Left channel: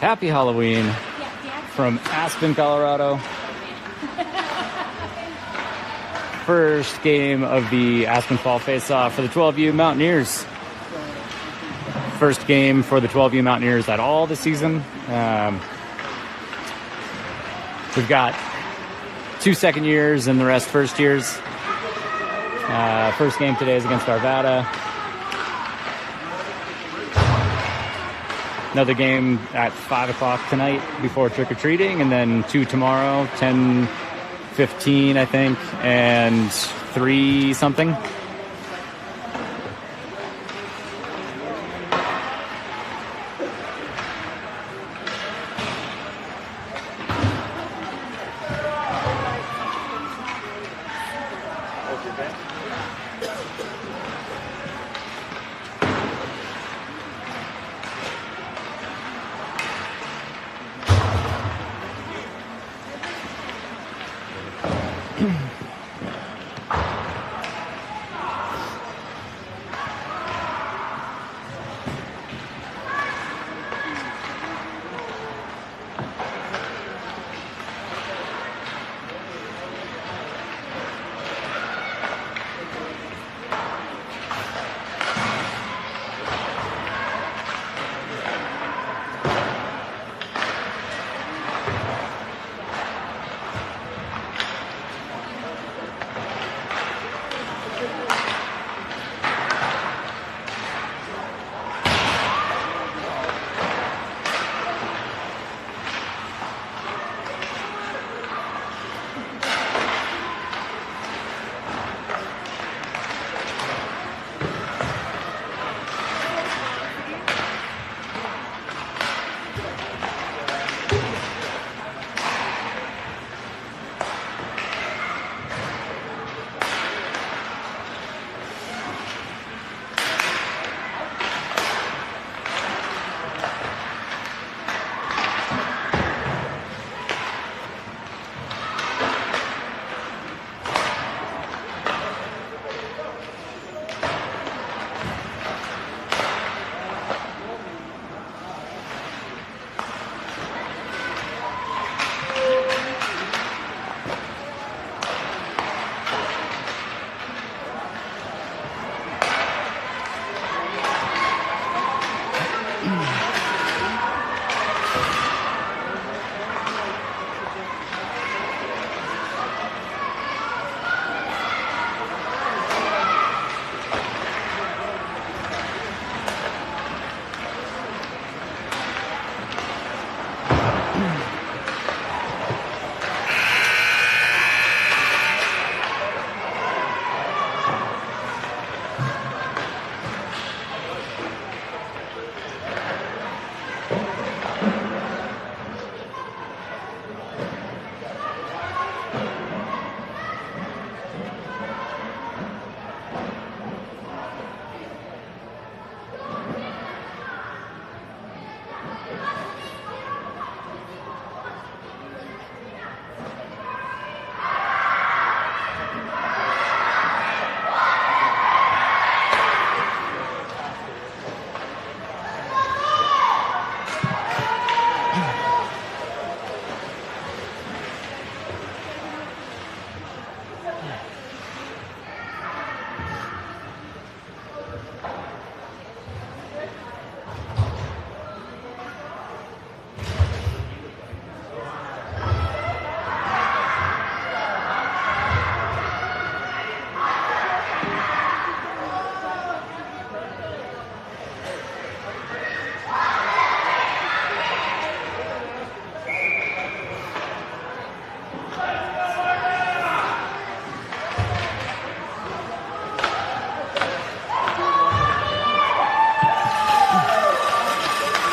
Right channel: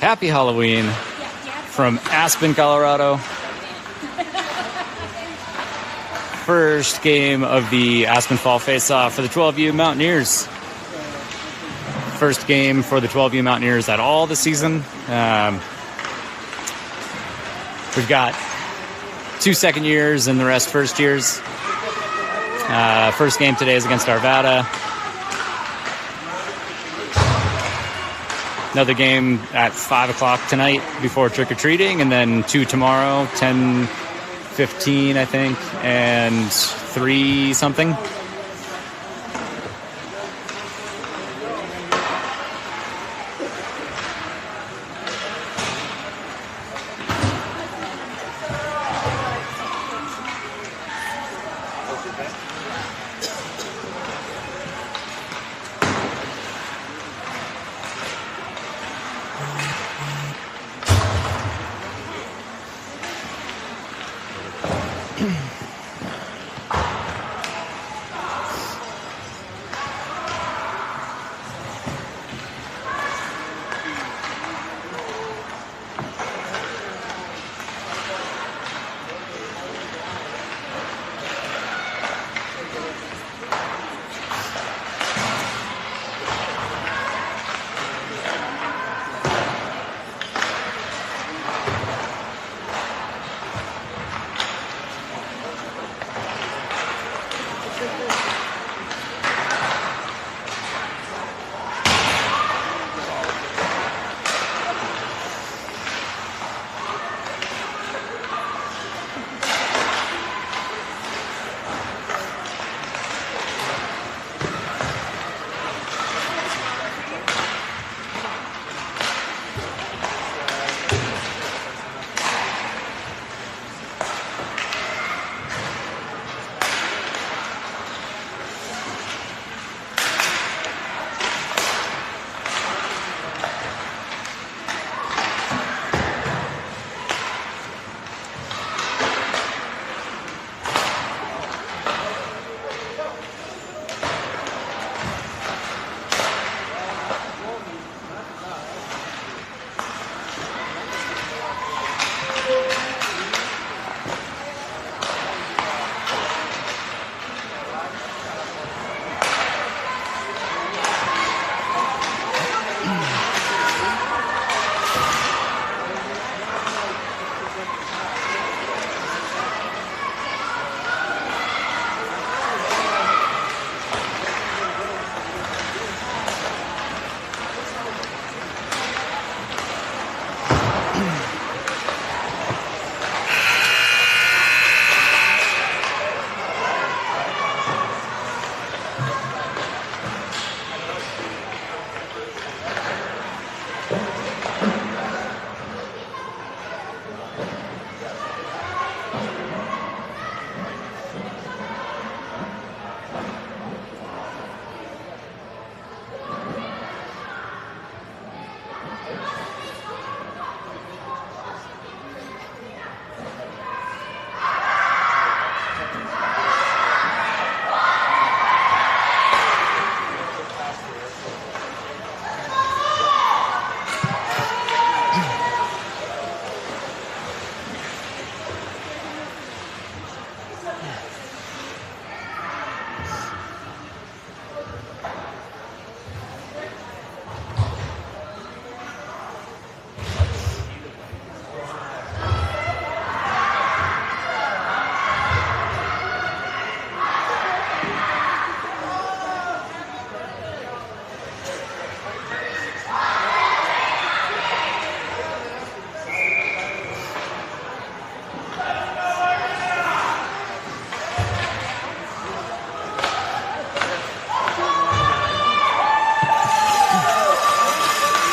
Happy Halloween from Aspen, Colorado. First game of the Aspen Fall Face-Off for the 12U Mountaineers. First game for the 12U Mountaineers at all this season. We've got 2 second years and the rest first years. First game today is against Arvada. Another game at 5 o'clock tonight before trick-or-treating, and then 2 tomorrow, 10:15, I think, and 3 something.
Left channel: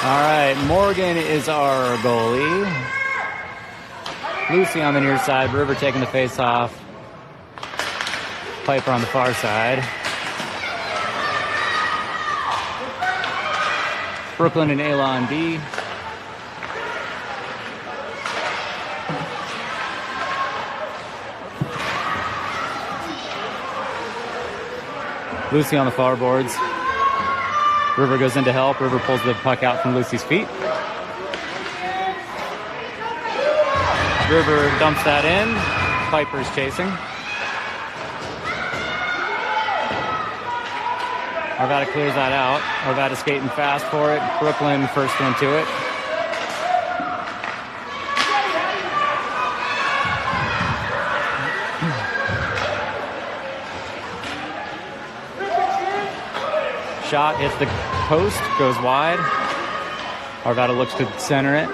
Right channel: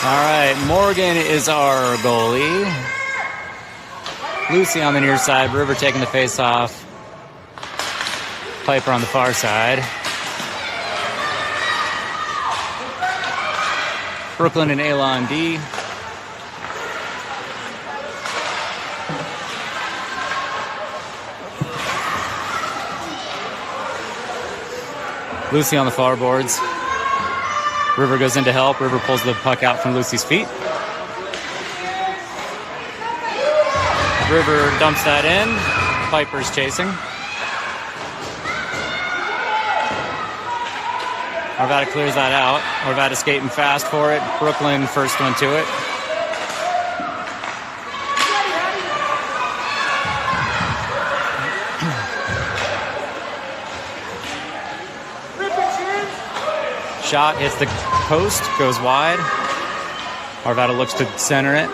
All right, Morgan is our goalie. Lucy on the near side, River taking the face off. Piper on the far side. Brooklyn and Ayla on D. Lucy on the far boards. River goes in to help. River pulls the puck out from Lucy's feet. River dumps that in. Piper's chasing. Arvada clears that out. Arvada skating fast for it. Brooklyn first one to it. Shot hits the post, goes wide. Arvada looks to center it.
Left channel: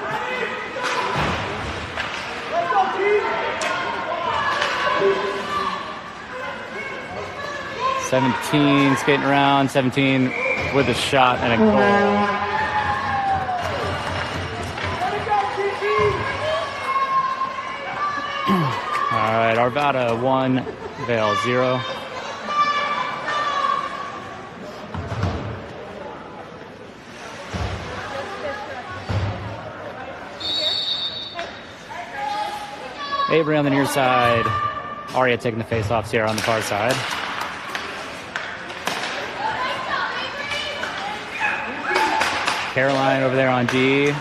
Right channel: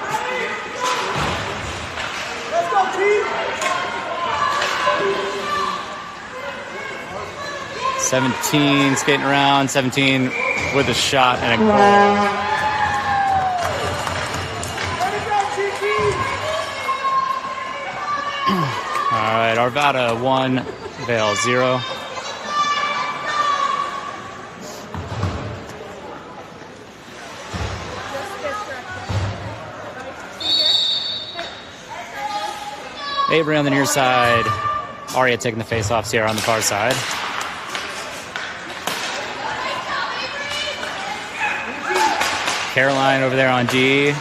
"17" skating around. 17 with a shot and a goal. All right, Arvada 1, Vail 0. Avery on the near side. Aria taking the face-off. Sierra on the far side. Caroline over there on D.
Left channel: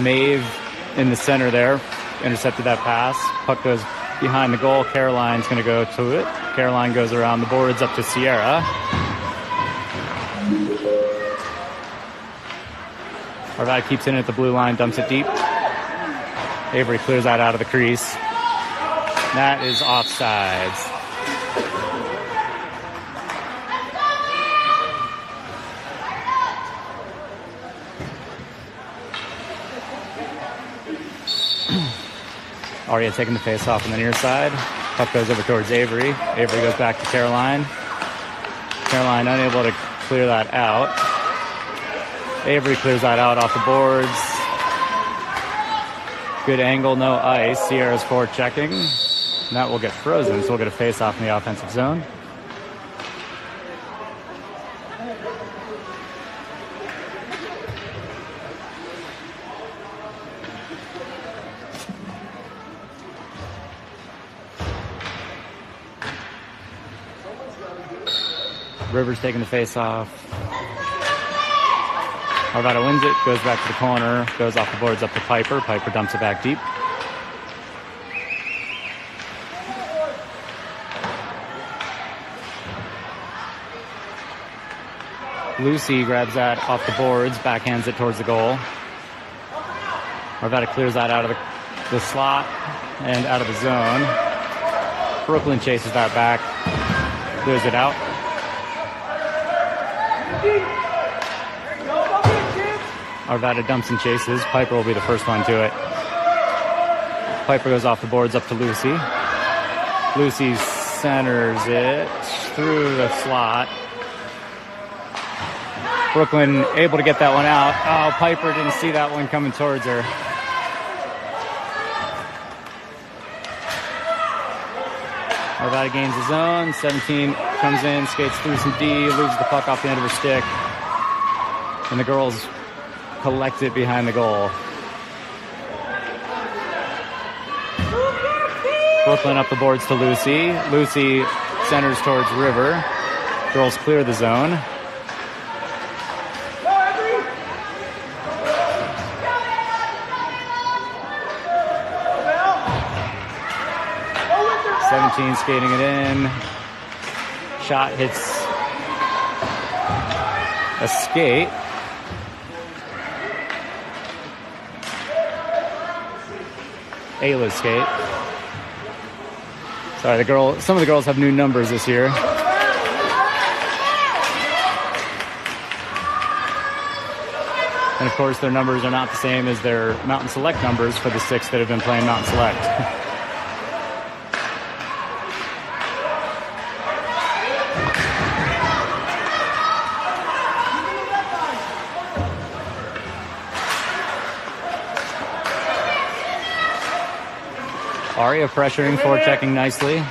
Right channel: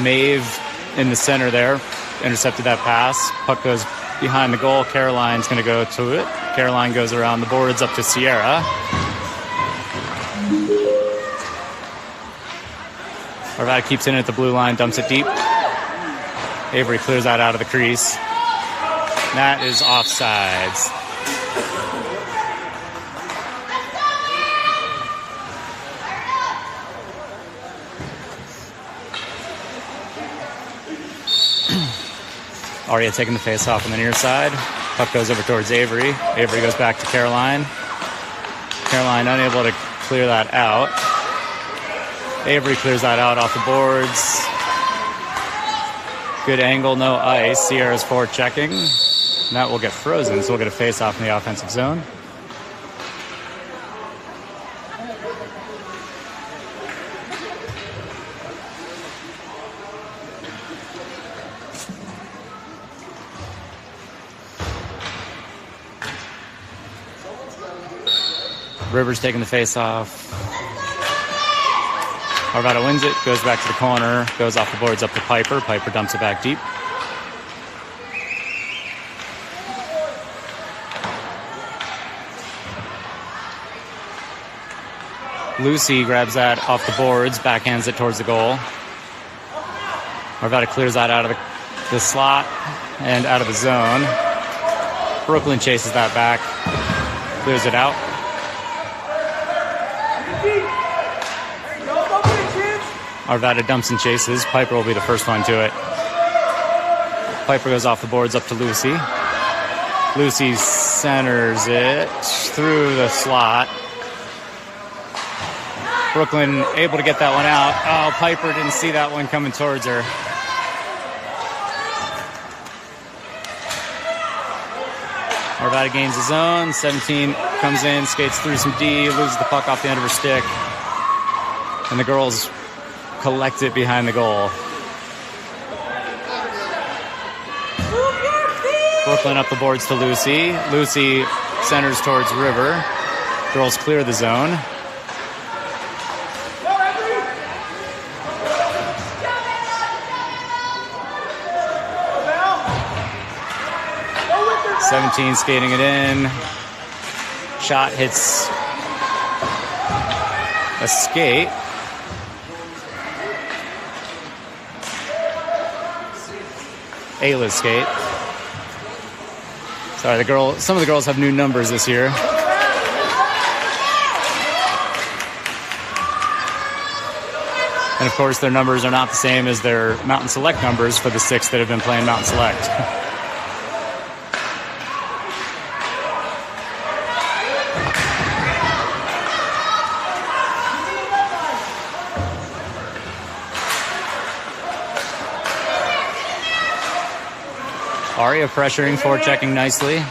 Maeve in the center there. Intercepted that pass. Puck goes behind the goal. Caroline's going to go to it. Caroline goes around the boards up to Sierra. Arvada keeps in at the blue line. Dumps it deep. Avery clears that out of the crease. That is offsides. Aria taking the face off on the near side. Puck goes over towards Avery. Avery goes back to Caroline. Caroline unable to clear that out. Avery clears that out off the boards. Good angle, no ice. Sierra's forward checking. And that will get frozen, so we'll get a face-off in the offensive zone. Rivers taking the face-off. Arvada wins it, goes back to the corner, goes off the boards up to Piper. Piper dumps it back deep. Lucy grabs that off the boards, backhands it towards the goal. Arvada clears that out of the slot and out of the zone. Brooklyn chases that back, clears it out. Arvada dumps and chases. Piper will be the first one to it. Piper goes off the boards up to Lucy. Lucy centers it through the slot. Brooklyn able to get that one out. Oh, Piper didn't see that one coming towards her. Arvada gains the zone. 17 comes in, skates through some D, loses the puck off the end of her stick. And the girls collect it behind the goal. Brooklyn up the boards to Lucy. Lucy centers towards River. Girls clear the zone. "17" skating it in. Shot hits a skate. Ayla's skate. Sorry, some of the girls have new numbers this year. And of course, their numbers are not the same as their Mountain Select numbers for the 6 that have been playing Mountain Select. Aria pressuring, forechecking nicely.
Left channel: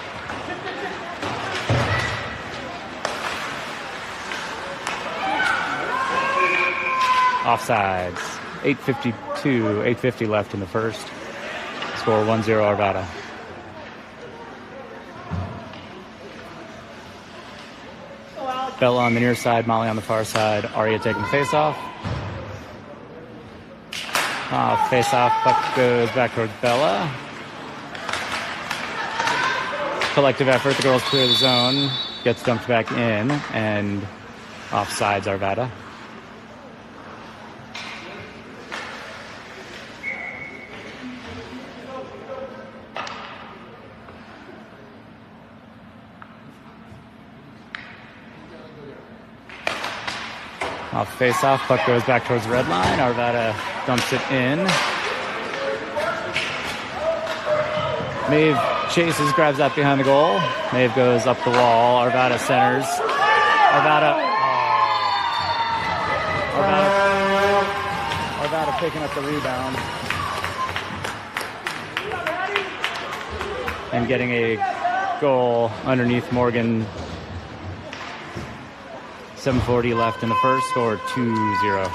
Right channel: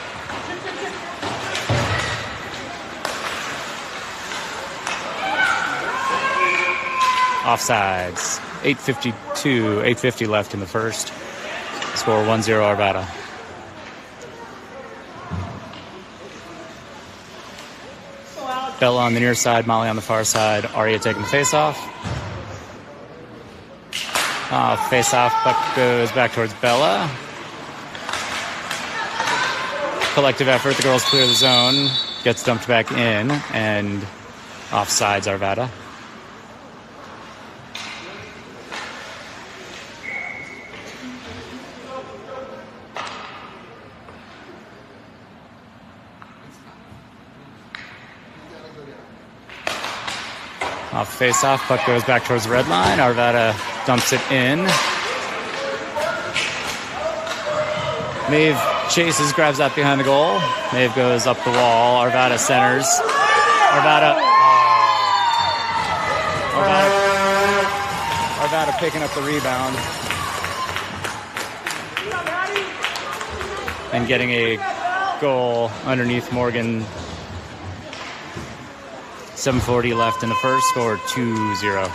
Offsides. 8:50 left in the first. Score 1-0 Arvada. Bella on the near side, Molly on the far side. Aria taking the face off. Face off, puck goes back towards Bella. Collective effort, the girls clear the zone, gets dumped back in, and offsides Arvada. Off face off, puck goes back towards the red line. Arvada dumps it in. Maeve chases, grabs that behind the goal. Maeve goes up the wall. Arvada centers. Arvada picking up the rebound. And getting a goal underneath Morgan. 7:40 left in the first, score 2-0.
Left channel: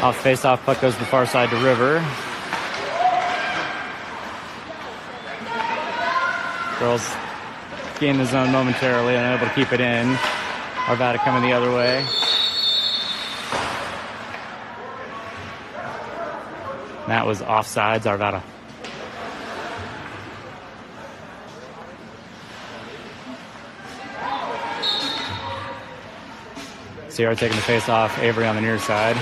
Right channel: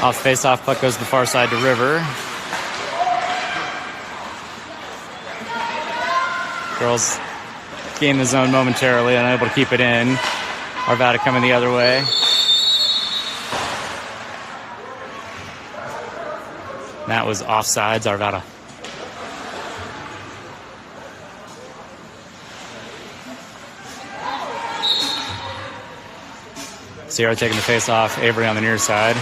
Off face-off, puck goes to the far side to River. Girls gain the zone momentarily, unable to keep it in. Arvada coming the other way. That was offsides, Arvada. Sierra taking the face off, Avery on the near side.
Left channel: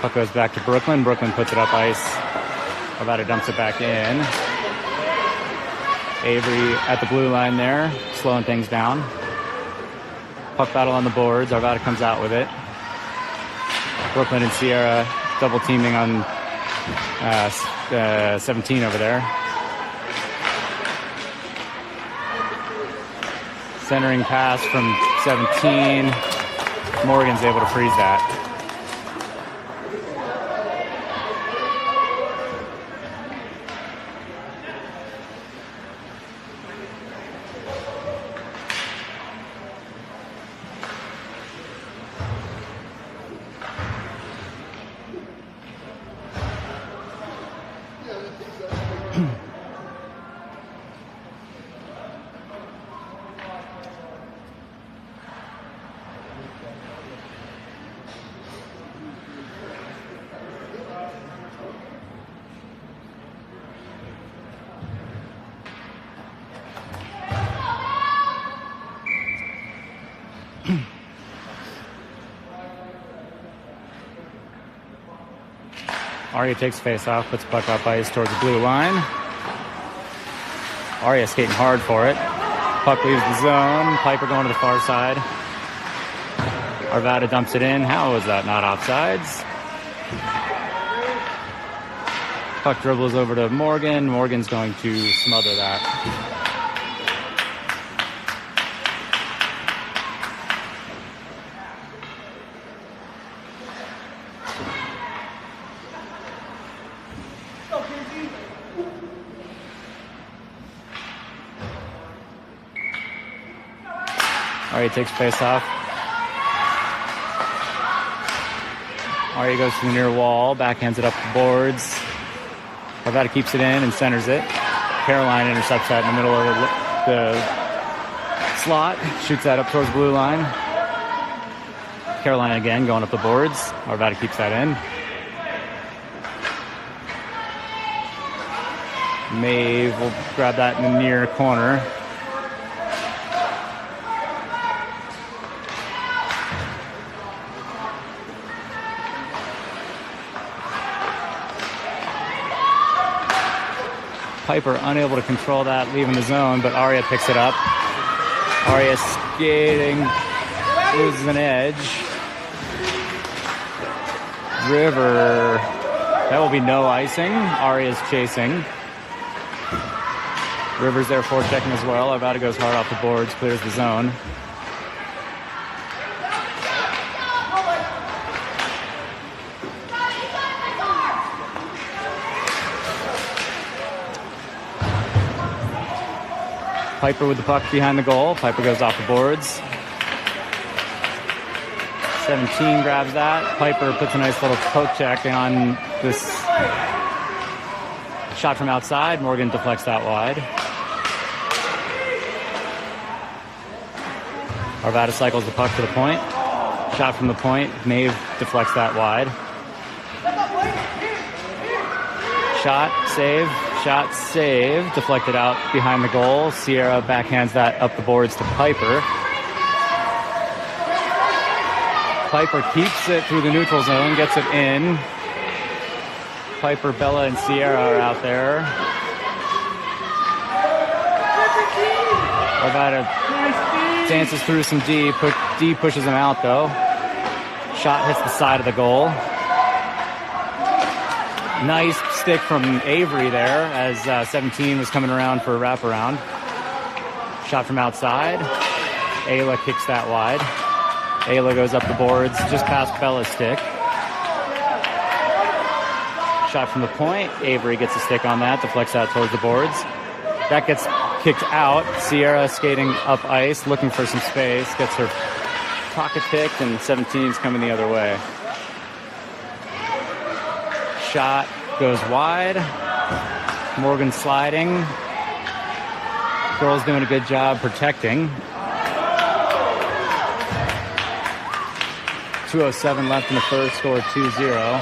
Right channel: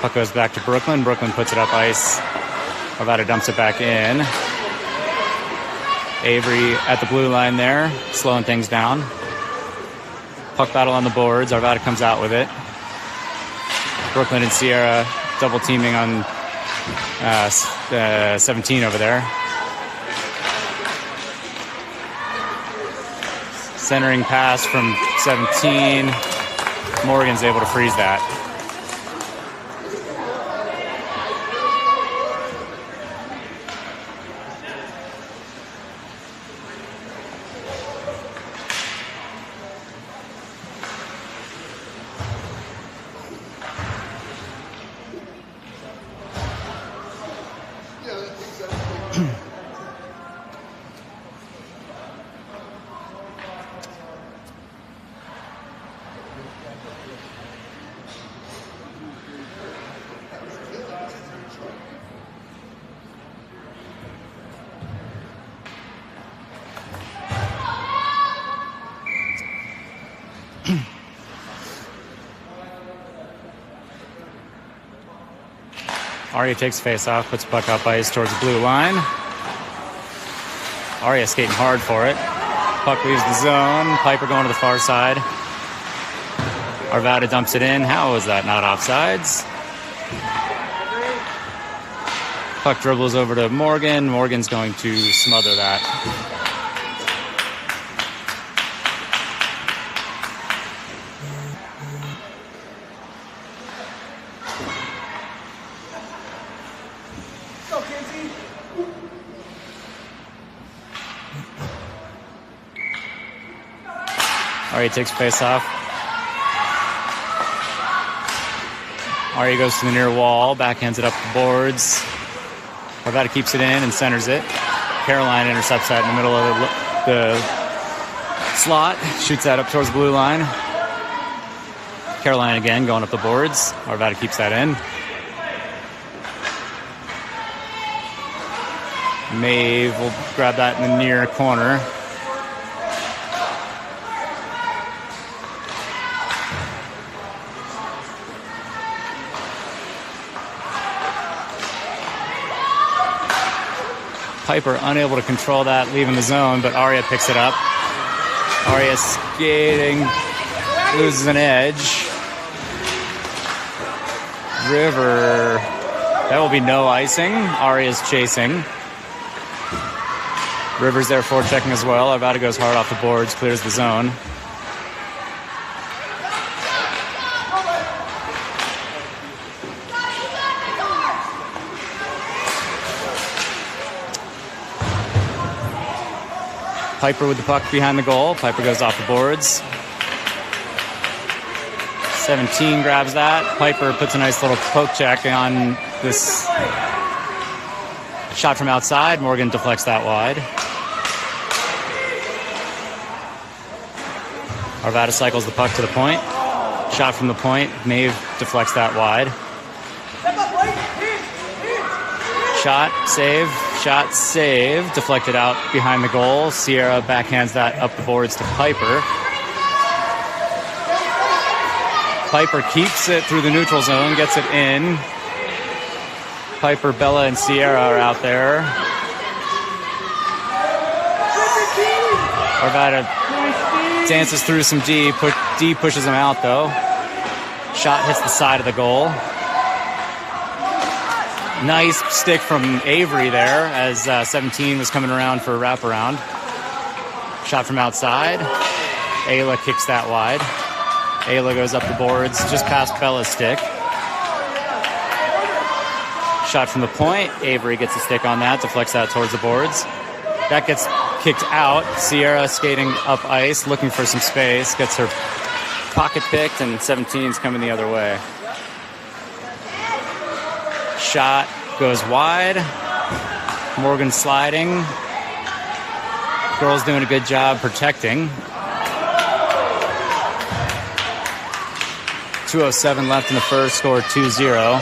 Puck goes back to Brooklyn. Brooklyn puts it up ice. Arvada dumps it back in. Avery at the blue line there, slowing things down. Puck battle on the boards. Arvada comes out with it. Brooklyn and Sierra double teaming on 17 over there. Centering pass from 17. Morgan's able to freeze that. Aria takes face off, puts puck up ice towards the blue line. Aria skating hard for it. Puck leaves the zone. Piper going to the far side. Arvada dumps it in. How is that not offsides? Puck dribbles over to Morgan. Morgan's going to smother that. Aria takes face off. Aria goes to the near wall, backhands it up the boards. Arvada keeps it in and centers it. Caroline intercepts that in the middle of the slot, shoots that up towards the blue line. Caroline again going up the boards. Arvada keeps that in. Maeve will grab that in the near corner. Piper unable to control that, leaving the zone, but Aria picks it up. Aria skating, loses an edge. River, that will be no icing. Aria's chasing. River's there forechecking as well. Arvada goes hard off the boards, clears the zone. Piper with the puck behind the goal. Piper goes off the boards. 17 grabs that. Piper puts a nice little poke check on this shot from outside. Morgan deflects that wide. Arvada cycles the puck to the point. Shot from the point. Maeve deflects that wide. Shot, save. Deflected out behind the goal. Sierra backhands that up the boards to Piper. Piper keeps it through the neutral zone, gets it in. Piper, Bella, and Sierra are out there. Arvada dances through some D. D pushes him out, though. Shot hits the side of the goal. Nice stick from Avery there as 17 was coming around for a wraparound. Shot from outside. Ayla kicks that wide. Ayla goes up the boards just past Bella's stick. Shot from the point. Avery gets a stick on that, deflects that towards the boards. That gets kicked out. Sierra skating up ice, looking for some space, gets her pocket picked, and 17's coming the other way. Shot goes wide. Morgan sliding. Girls doing a good job protecting. 2:07 left in the first, score 2-0.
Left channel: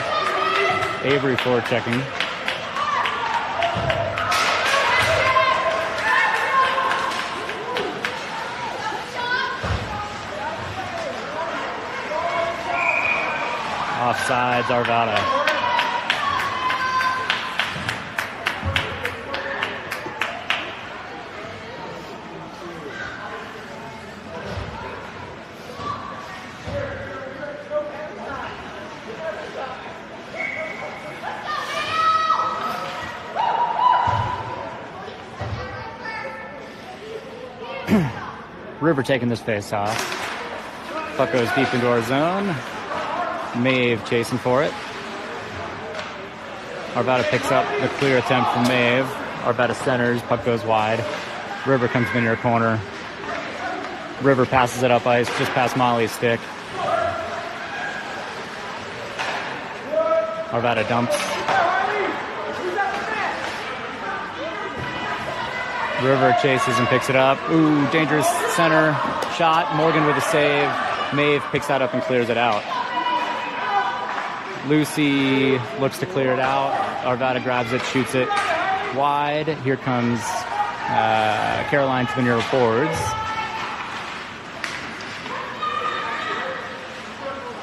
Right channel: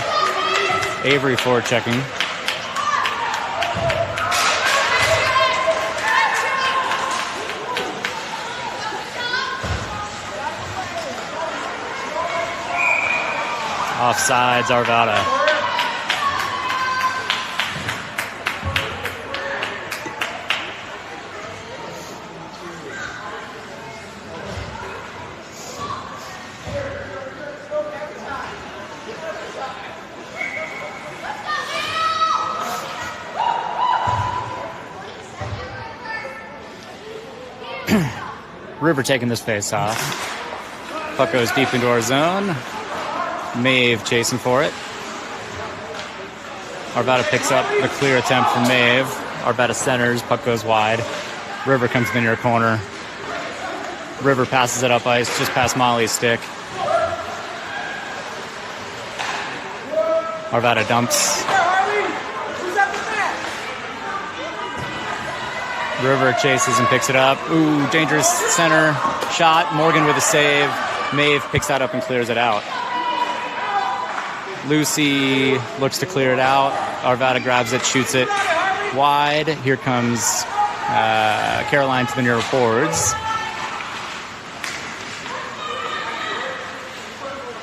Avery forward checking. Offsides, Arvada. River taking this face off. Puck goes deep into our zone. Maeve chasing for it. Arvada picks up the clear attempt from Maeve. Arvada centers. Puck goes wide. River comes in the near corner. River passes it up ice just past Molly's stick. Arvada dumps. River chases and picks it up. Ooh, dangerous center shot. Morgan with a save. Maeve picks that up and clears it out. Lucy looks to clear it out. Arvada grabs it, shoots it wide. Here comes Caroline to the near boards.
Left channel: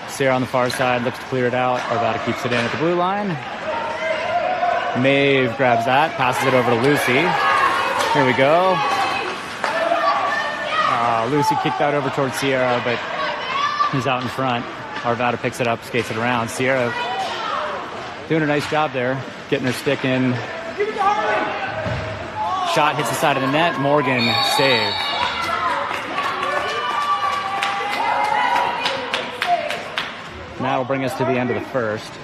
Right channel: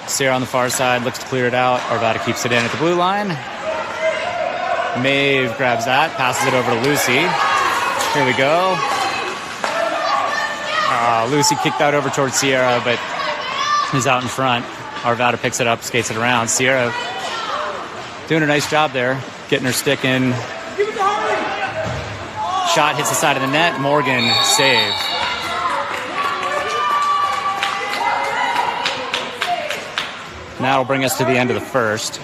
Sierra on the far side looks to clear it out. Arvada keeps it in at the blue line. Maeve grabs that, passes it over to Lucy. Here we go. Lucy kicked that over towards Sierra, but he's out in front. Arvada picks it up, skates it around. Sierra doing a nice job there, getting her stick in. Shot hits the side of the net. Morgan save. Now it'll bring us to the end of the first.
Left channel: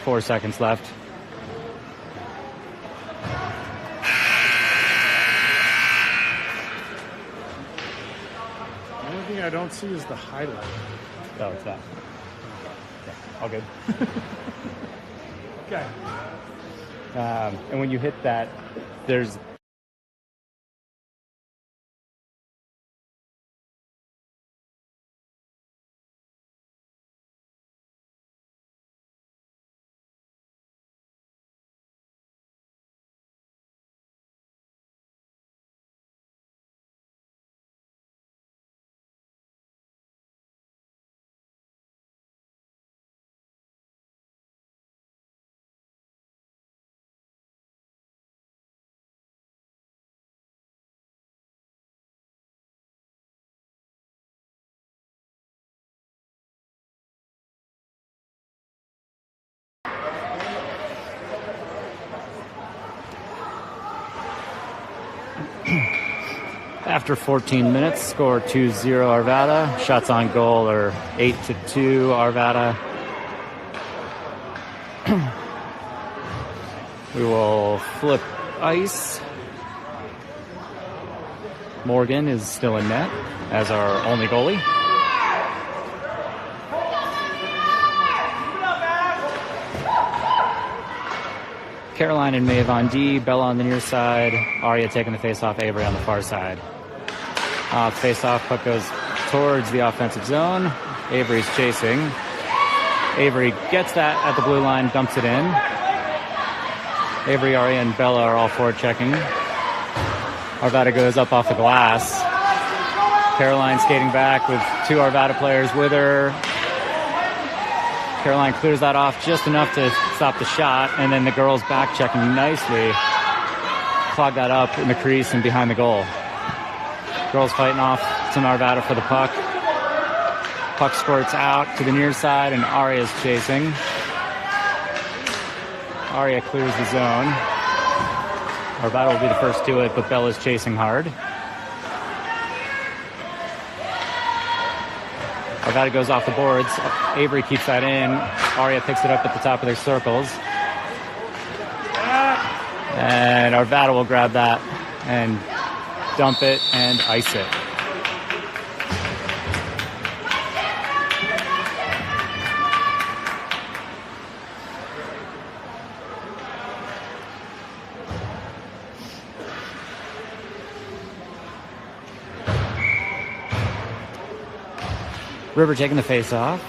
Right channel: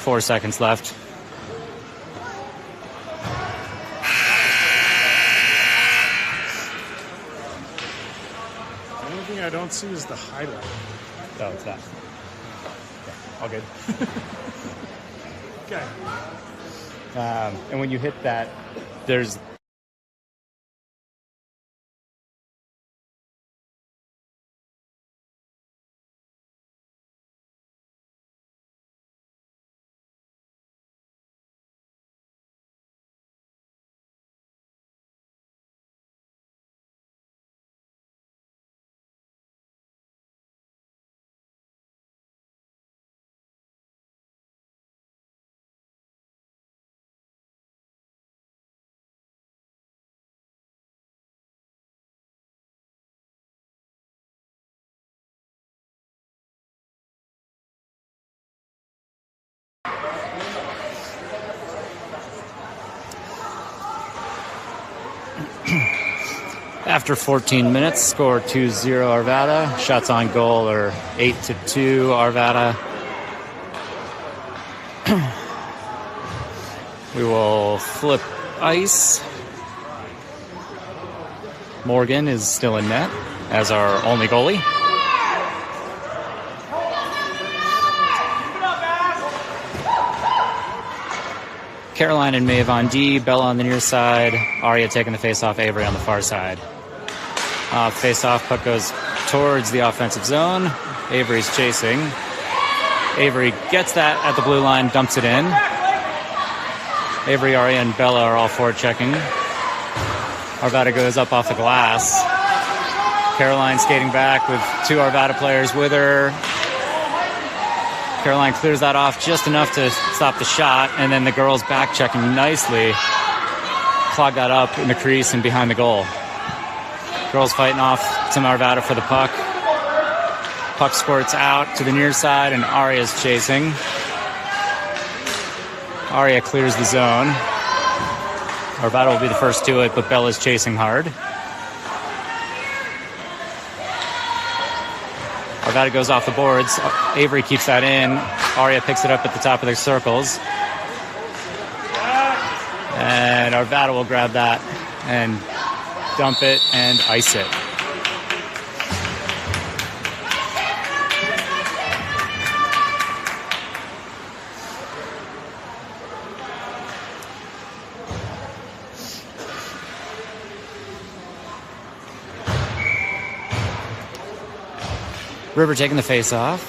4 seconds left. The only thing I don't see is the highlight. Oh, it's that. Yeah, all good. Okay. And when you hit that, there's after 14 minutes, score 2-0 Arvada. Shots on goal are 8-2 Arvada. We will flip ice. Morgan is still in net as our only goalie. Caroline and Maeve on D, Bella on the near side, Aria taking the face-off, Avery on the far side. Face-off, puck goes towards the offensive zone. Avery's chasing. Avery gets that at the blue line, dumps it in. Avery, Aria, and Bella are all forward checking. Arvada goes up off the glass. Caroline skating back with two Arvada players with her. Caroline clears that off just enough to stop the shot, and then the girls back checking nicely. Clog that up in the crease and behind the goal. Girls fighting off some Arvada for the puck. Puck squirts out to the near side, and Aria's chasing. Aria clears the zone. Arvada will be the first to it, but Bella's chasing hard. Arvada goes off the boards. Avery keeps that in. Aria picks it up at the top of their circles. And Arvada will grab that and dump it and ice it. River taking the face off.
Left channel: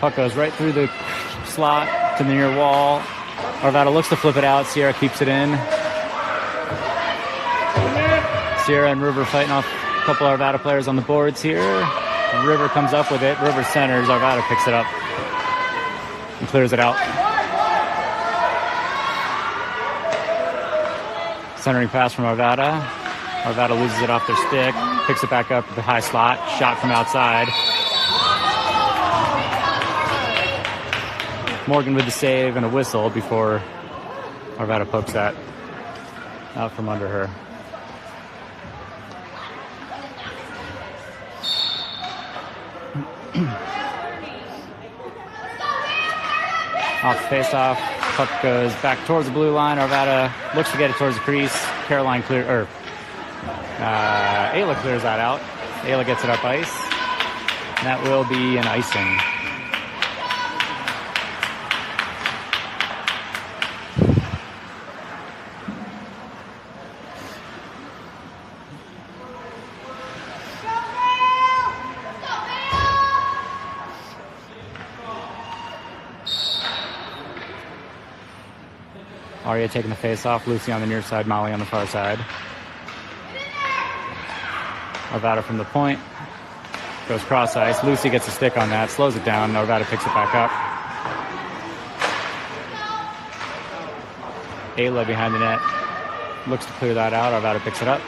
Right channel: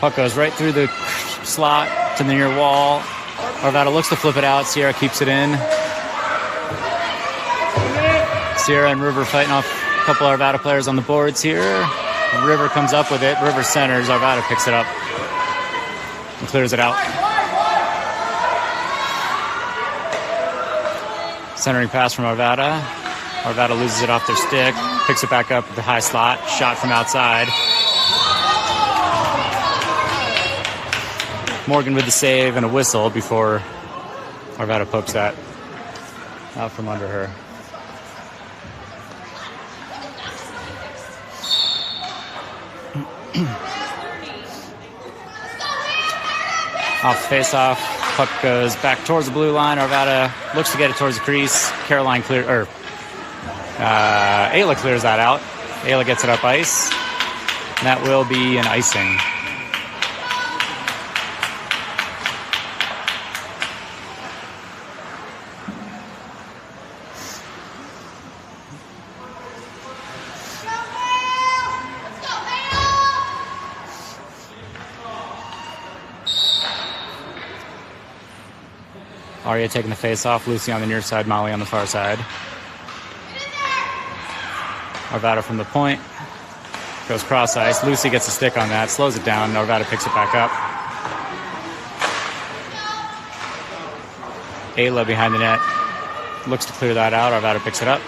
Puck goes right through the slot to the near wall. Arvada looks to flip it out. Sierra keeps it in. Sierra and River fighting off a couple Arvada players on the boards here. River comes up with it. River centers. Arvada picks it up and clears it out. Centering pass from Arvada. Arvada loses it off their stick. Picks it back up at the high slot. Shot from outside. Morgan with the save and a whistle before Arvada pokes that out from under her. Off face-off. Puck goes back towards the blue line. Arvada looks to get it towards the crease. Caroline Ayla clears that out. Ayla gets it up ice. And that will be an icing. Aria taking the face off. Lucy on the near side. Molly on the far side. Arvada from the point. Goes cross ice. Lucy gets a stick on that. Slows it down. Arvada picks it back up. Ayla behind the net. Looks to clear that out. Arvada picks it up.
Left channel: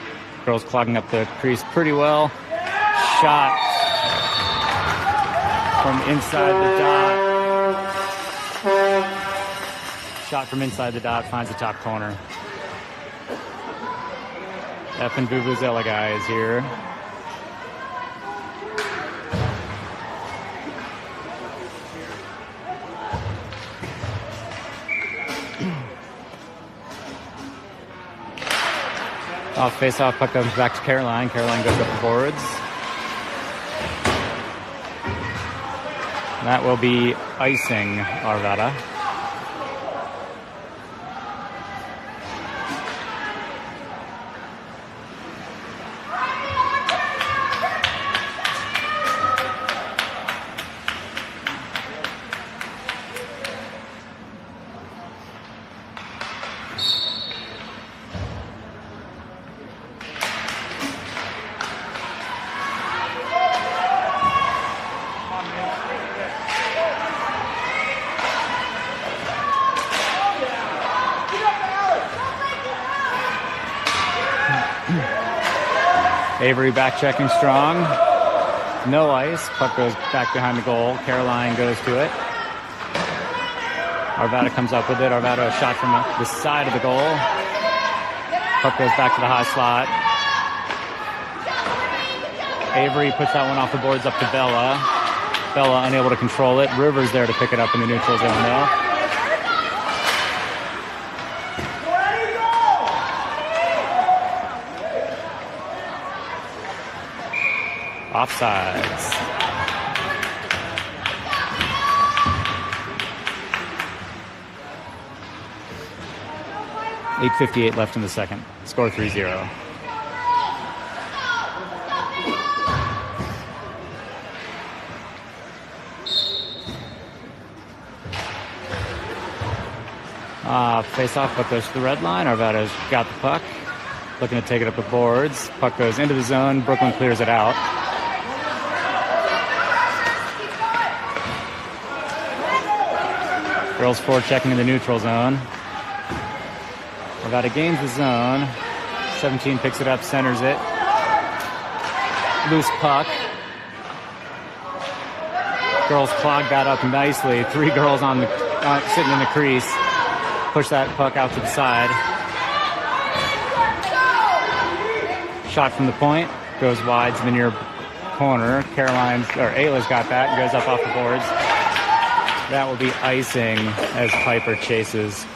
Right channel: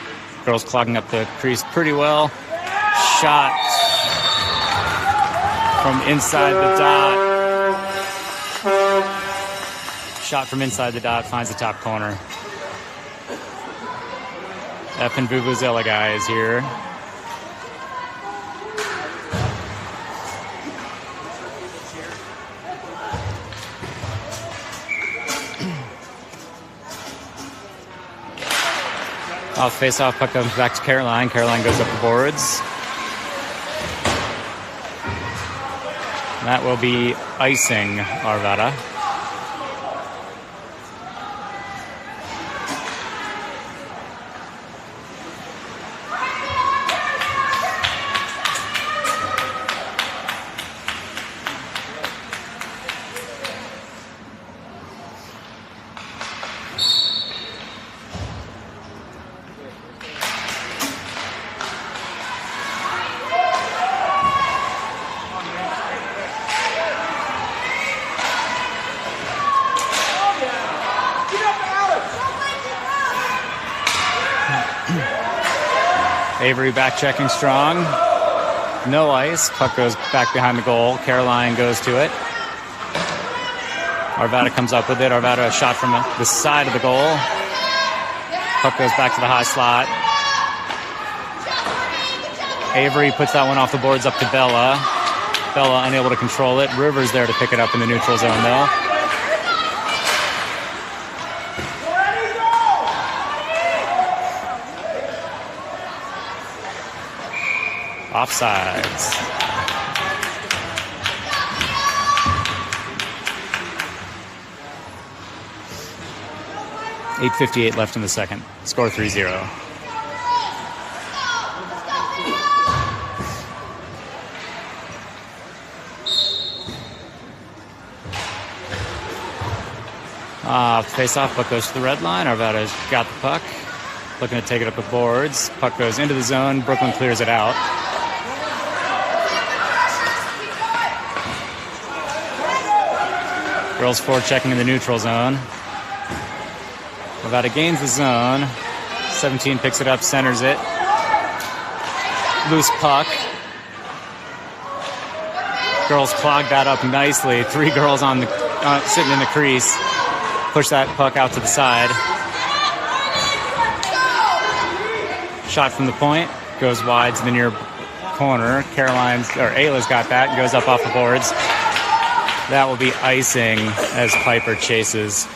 Girls clogging up the crease pretty well. Shot from inside the dot. Shot from inside the dot, finds the top corner. F and Vuvuzela guy is here. Off face-off, puck comes back to Caroline. Caroline goes up the boards. And that will be icing Arvada. Avery back checking strong. No ice. Puck goes back behind the goal. Caroline goes to it. Arvada comes up with it. Arvada a shot from the side of the goal. Puck goes back to the high slot. Avery puts that one off the boards up to Bella. Bella unable to control it. Rivers there to pick it up in the neutral zone though. Offsides. 8:58 left in the second. Score 3-0. Face-off, puck goes to the red line. Arvada's got the puck. Looking to take it up the boards. Puck goes into the zone. Brooklyn clears it out. Girls forechecking in the neutral zone. Arvada gains the zone. 17 picks it up, centers it. Loose puck. Girls clog that up nicely. 3 girls on the sitting in the crease. Push that puck out to the side. Shot from the point. Goes wide to the near corner. Ayla's got that and goes up off the boards. That will be icing as Piper chases.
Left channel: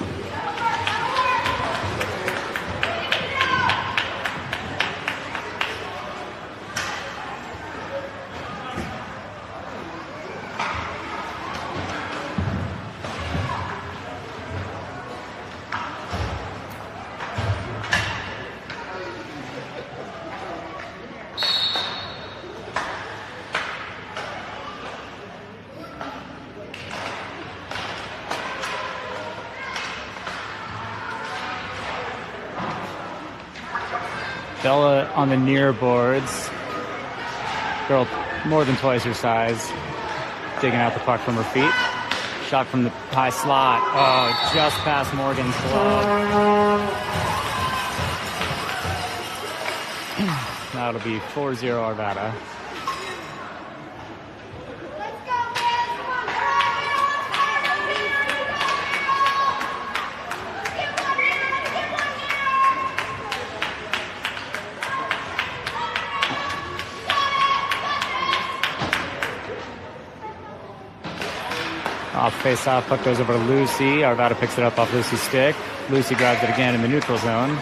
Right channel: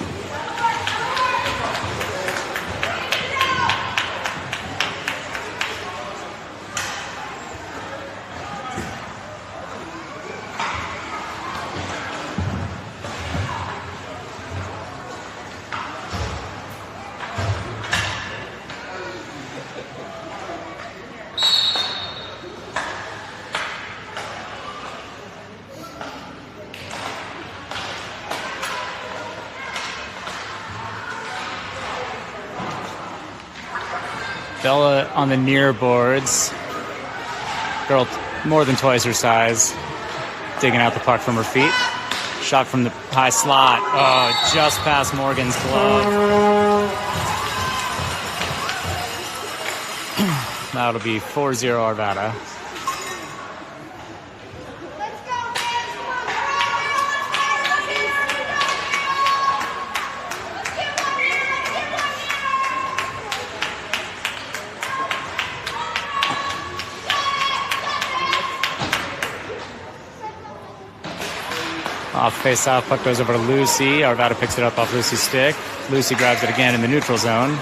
Bella on the near boards. Girl more than twice her size. Digging out the puck from her feet. Shot from the high slot. Oh, just past Morgan's glove. That'll be 4-0 Arvada. Off face-off, puck goes over to Lucy. Arvada picks it up off Lucy's stick. Lucy grabs it again in the neutral zone.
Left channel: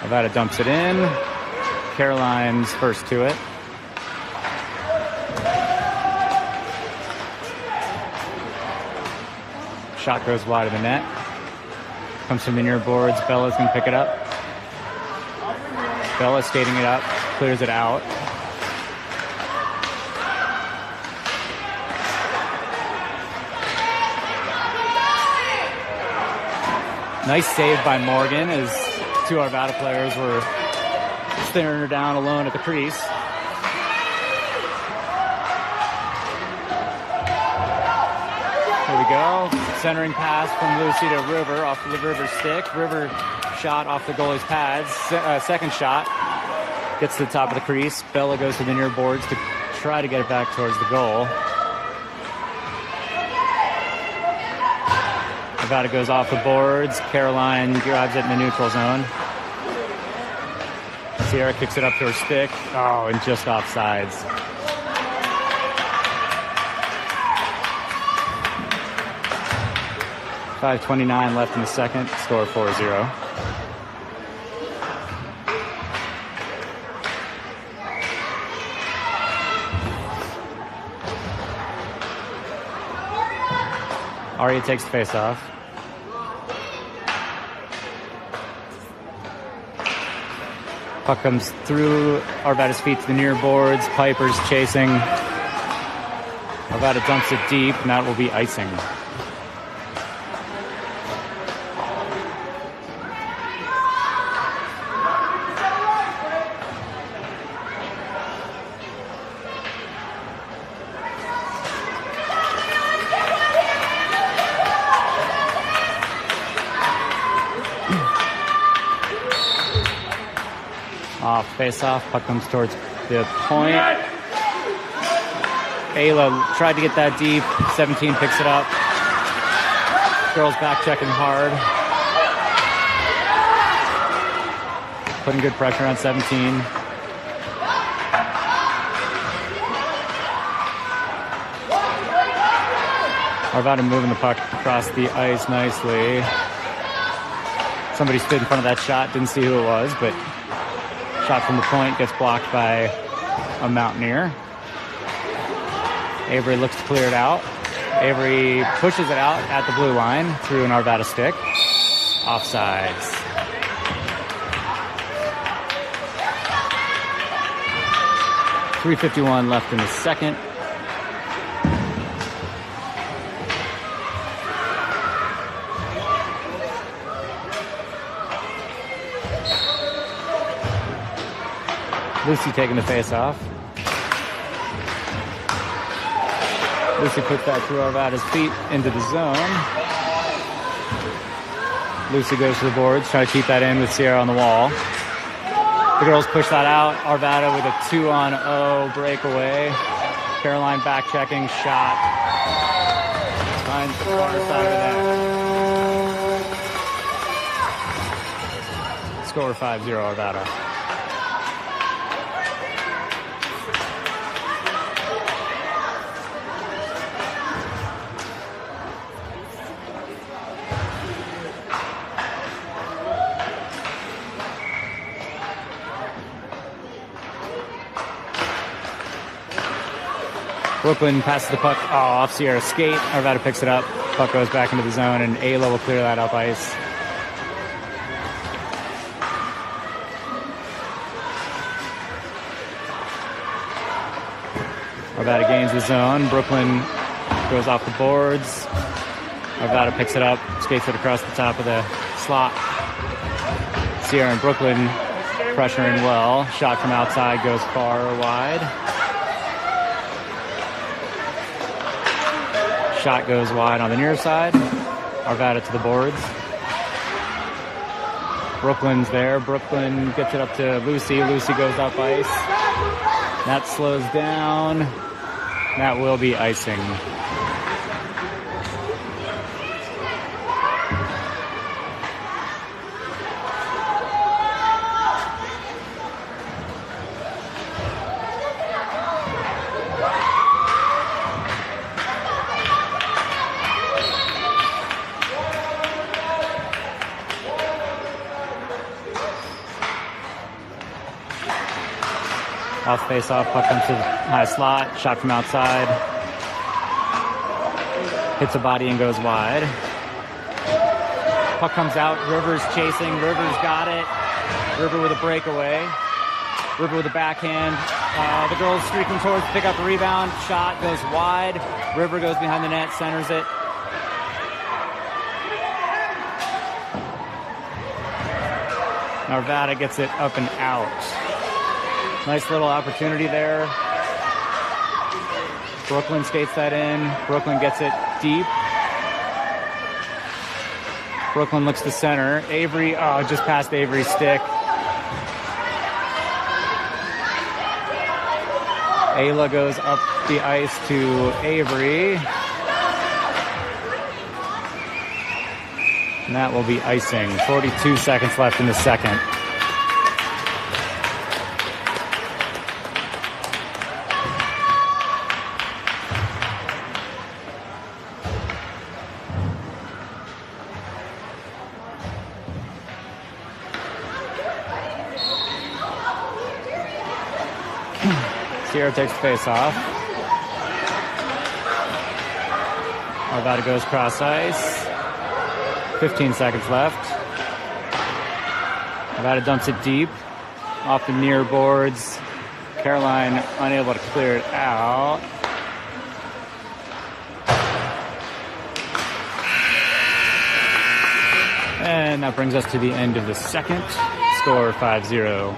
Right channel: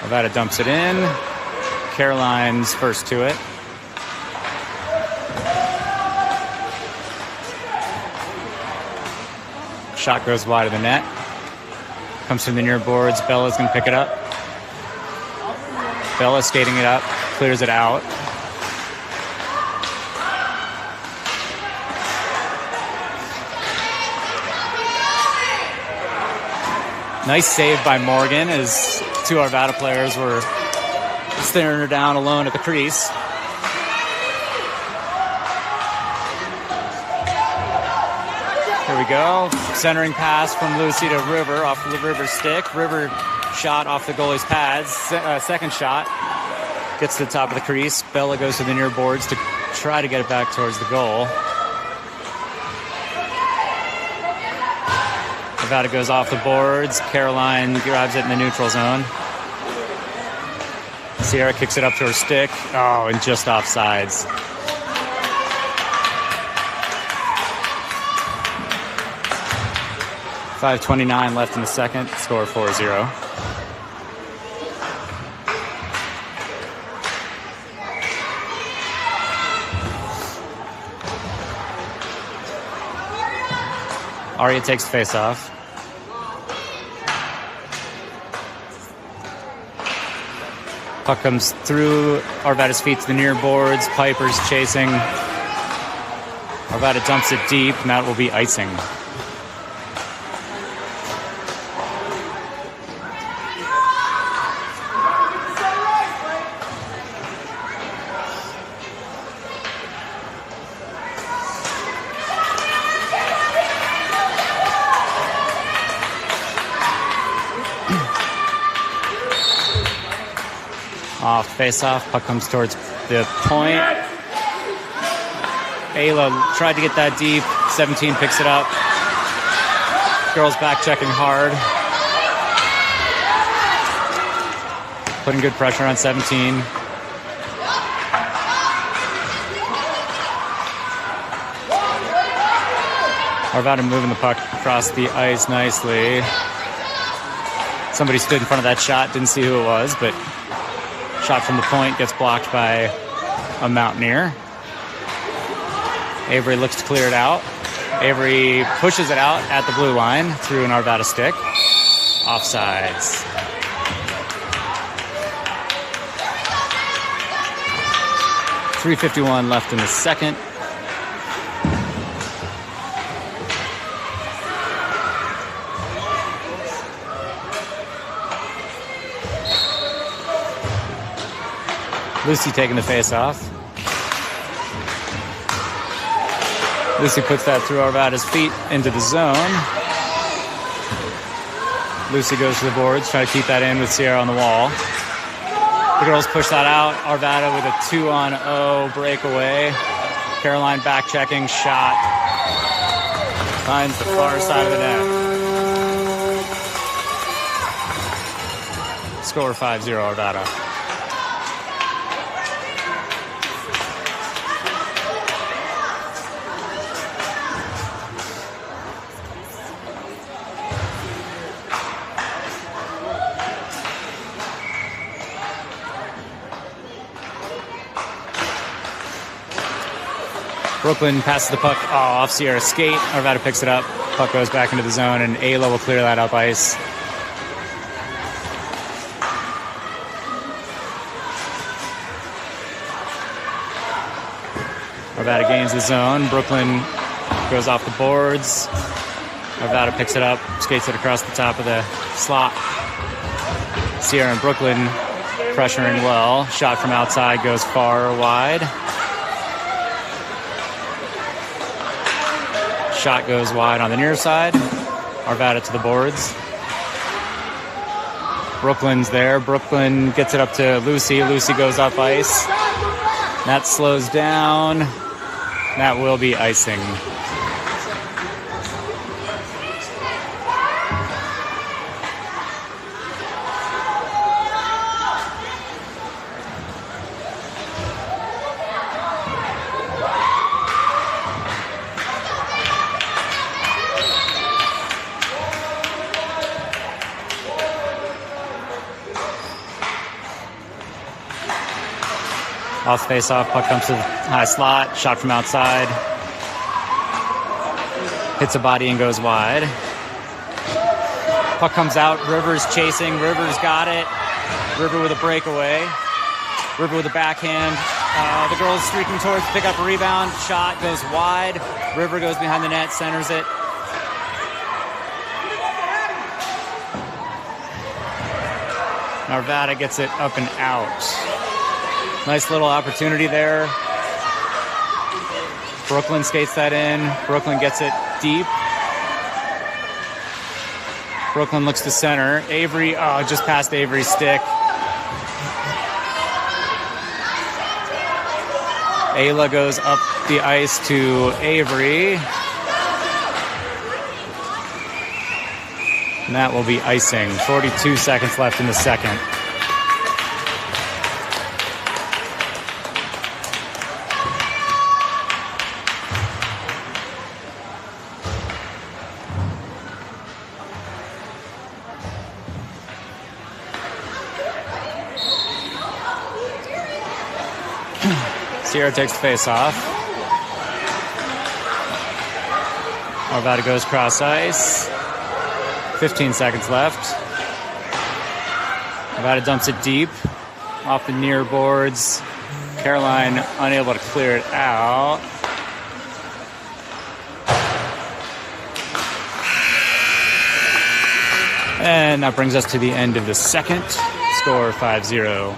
Arvada dumps it in. Caroline's first to it. Shot goes wide of the net. Comes from the near boards. Bella's going to pick it up. Bella skating it up. Clears it out. Nice save by Morgan as 2 Arvada players were staring her down alone at the crease. Here we go. Centering pass from Lucy to River off the River stick. River shot off the goalie's pads. Second shot. Gets to the top of the crease. Bella goes to the near boards to try to get it back towards the goal. Arvada goes off the boards. Caroline grabs it in the neutral zone. Sierra kicks it up to her stick. Oh, and just off sides. .5:29 left in the second. Score 4-0. Aria takes the face-off. Puck comes through Arvada's feet to the near boards. Piper's chasing. Arvada dumps it deep, and that will be icing. Off face-off, puck comes towards the point. Ayla tried to get that deep. 17 picks it up. Girls back checking hard. Putting good pressure on 17. Arvada moving the puck across the ice nicely. Somebody stood in front of that shot, didn't see who it was, but Shot from the point gets blocked by a Mountaineer. Avery looks to clear it out. Avery pushes it out at the blue line through an Arvada stick. Offsides. .351 left in the second. Lucy taking the face off. Lucy puts that through Arvada's feet into the zone. Lucy goes to the boards, try to keep that in with Sierra on the wall. The girls push that out. Arvada with a 2-on-0 breakaway. Caroline back checking, shot. Finds the far side of the net. Score 5-0 Arvada. Brooklyn passes the puck off Sierra's skate. Arvada picks it up. Puck goes back into the zone, and Ayla will clear that up ice. Arvada gains the zone. Brooklyn goes off the boards. Arvada picks it up, skates it across the top of the slot. Sierra and Brooklyn pressuring well. Shot from outside goes far wide. Shot goes wide on the near side. Arvada to the boards. Brooklyn's there. Brooklyn gets it up to Lucy. Lucy goes up ice. That slows down. That will be icing. Off face-off, puck comes to the high slot. Shot from outside. Hits a body and goes wide. Puck comes out. Rivers chasing. Rivers got it. River with a breakaway. River with a backhand. The girls streaking towards, pick up a rebound. Shot goes wide. River goes behind the net, centers it. Arvada gets it up and out. Nice little opportunity there. Brooklyn skates that in. Brooklyn gets it deep. Brooklyn looks to center. Avery, just past Avery's stick. Ayla goes up the ice to Avery. And that will be icing. 42 seconds left in the second. Sierra takes the face off. Arvada goes cross ice. 15 seconds left. Arvada dumps it deep off the near boards. Caroline unable to clear it out. And that brings us to the end of the second. Score 5-0.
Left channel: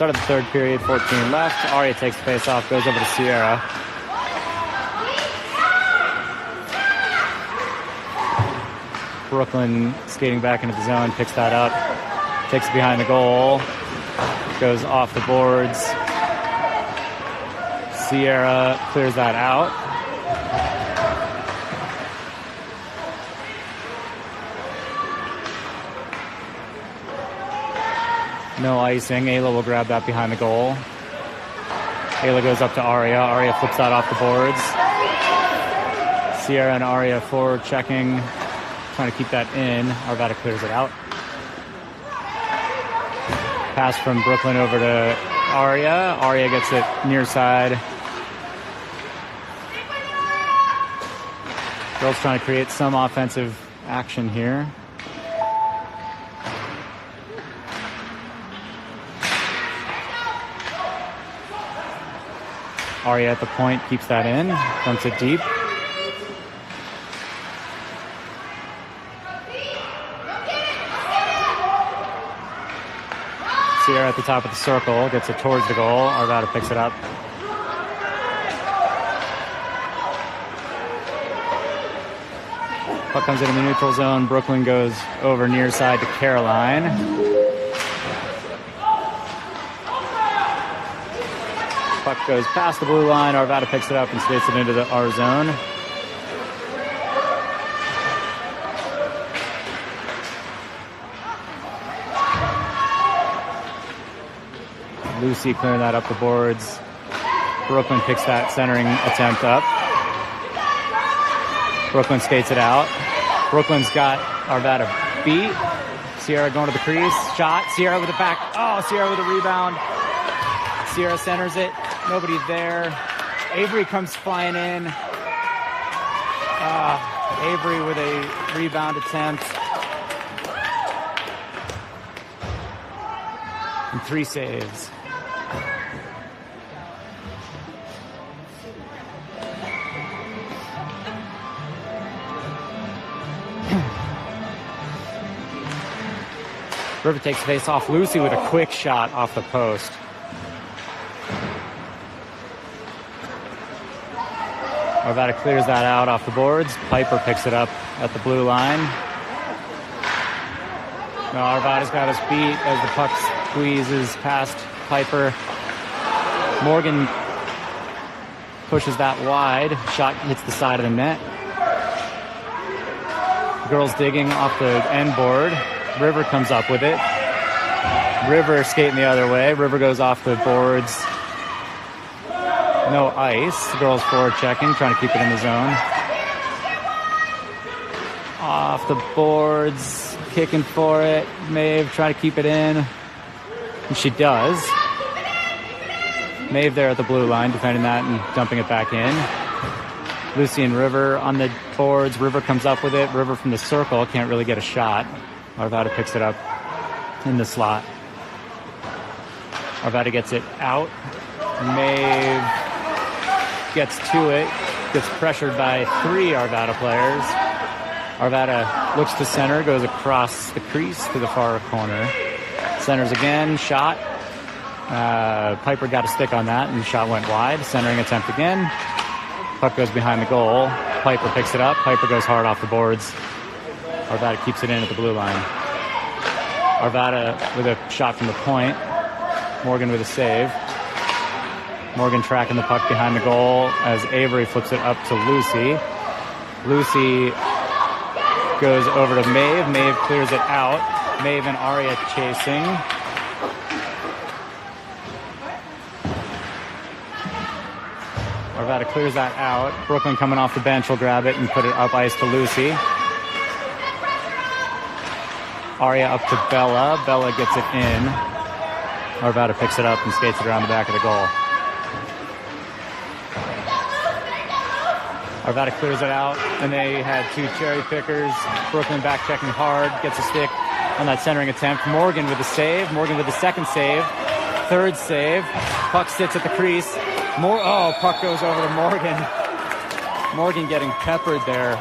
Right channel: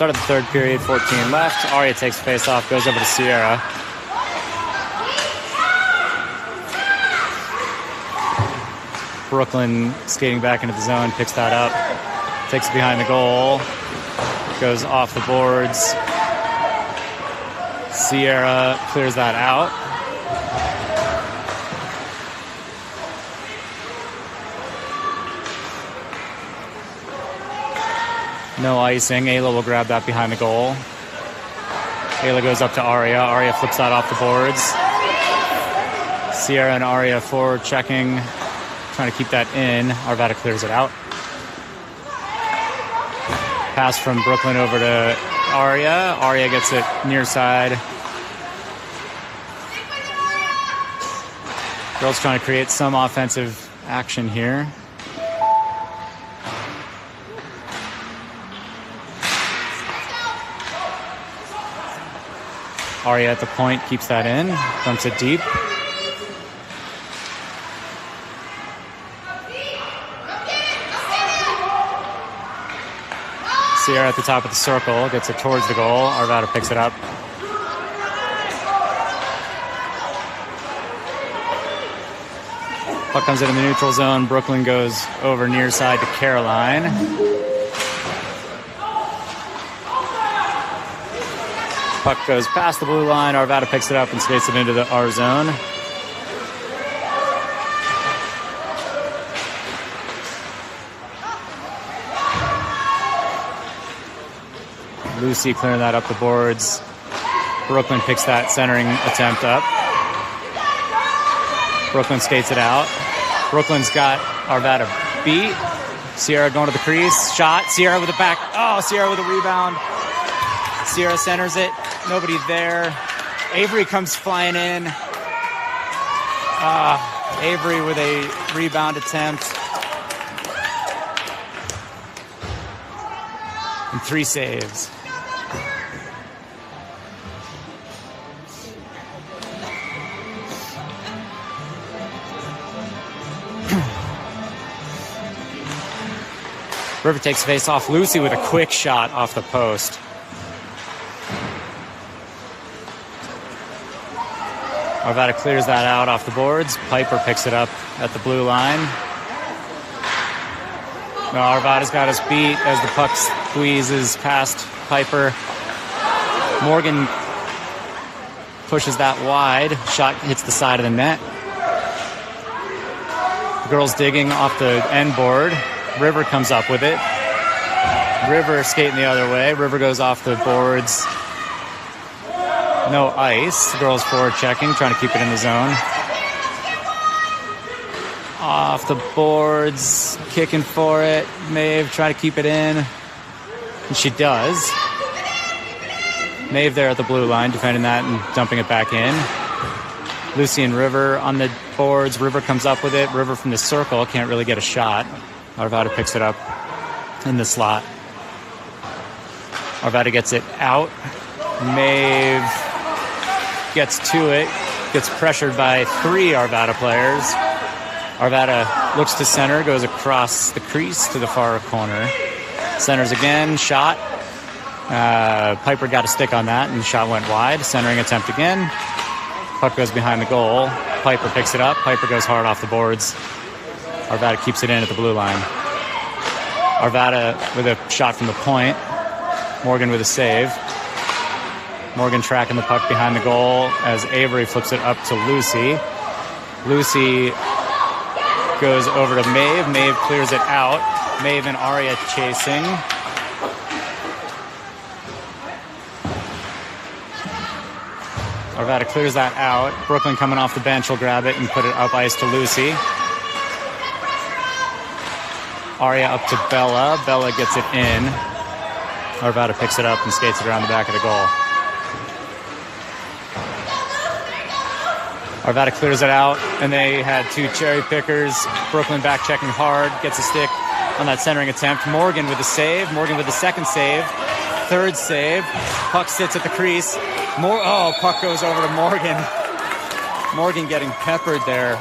Start of the third period, 14 left. Aria takes face off, goes over to Sierra. Brooklyn skating back into the zone, picks that up, takes it behind the goal, goes off the boards. Sierra clears that out. No icing. Ayla will grab that behind the goal. Ayla goes up to Aria. Aria flips that off the boards. Sierra and Aria forward checking, trying to keep that in. Arvada clears it out. Pass from Brooklyn over to Aria. Aria gets it near side. Girls trying to create some offensive action here. Aria at the point keeps that in, dumps it deep. Sierra at the top of the circle, gets it towards the goal. Arvada picks it up. Puck comes into the neutral zone. Brooklyn goes over near side to Caroline. Puck goes past the blue line. Arvada picks it up and skates it into the R zone. Lucy clearing that up the boards. Brooklyn picks that centering attempt up. Brooklyn skates it out. Brooklyn's got Arvada beat. Sierra going to the crease. Shot. Sierra with a back. Oh, Sierra with a rebound. Sierra centers it. Nobody there. Avery comes flying in. Avery with a rebound attempt. And 3 saves. River takes face off. Lucy with a quick shot off the post. Arvada clears that out off the boards. Piper picks it up at the blue line. No, Arvada's got us beat as the puck squeezes past Piper. Morgan pushes that wide. Shot hits the side of the net. The girls digging off the end board. River comes up with it. River skating the other way. River goes off the boards. No ice. The girls forward checking, trying to keep it in the zone. Off the boards, kicking for it. Maeve trying to keep it in. And she does. Maeve there at the blue line, defending that and dumping it back in. Lucy and River on the boards. River comes up with it. River from the circle, can't really get a shot. Arvada picks it up in the slot. Arvada gets it out. Maeve gets to it, gets pressured by 3 Arvada players. Arvada looks to center, goes across the crease to the far corner. Centers again, shot. Piper got a stick on that, and the shot went wide. Centering attempt again. Puck goes behind the goal. Piper picks it up. Piper goes hard off the boards. Arvada keeps it in at the blue line. Arvada with a shot from the point. Morgan with a save. Morgan tracking the puck behind the goal as Avery flips it up to Lucy. Lucy goes over to Maeve. Maeve clears it out. Maeve and Aria chasing. Arvada clears that out. Brooklyn coming off the bench will grab it and put it up ice to Lucy. Aria up to Bella. Bella gets it in. Arvada picks it up and skates it around the back of the goal. Arvada clears it out, and they had 2 cherry pickers. Brooklyn back checking hard, gets a stick on that centering attempt. Morgan with a save. Morgan with the second save. Third save. Puck sits at the crease. Puck goes over to Morgan. Morgan getting peppered there.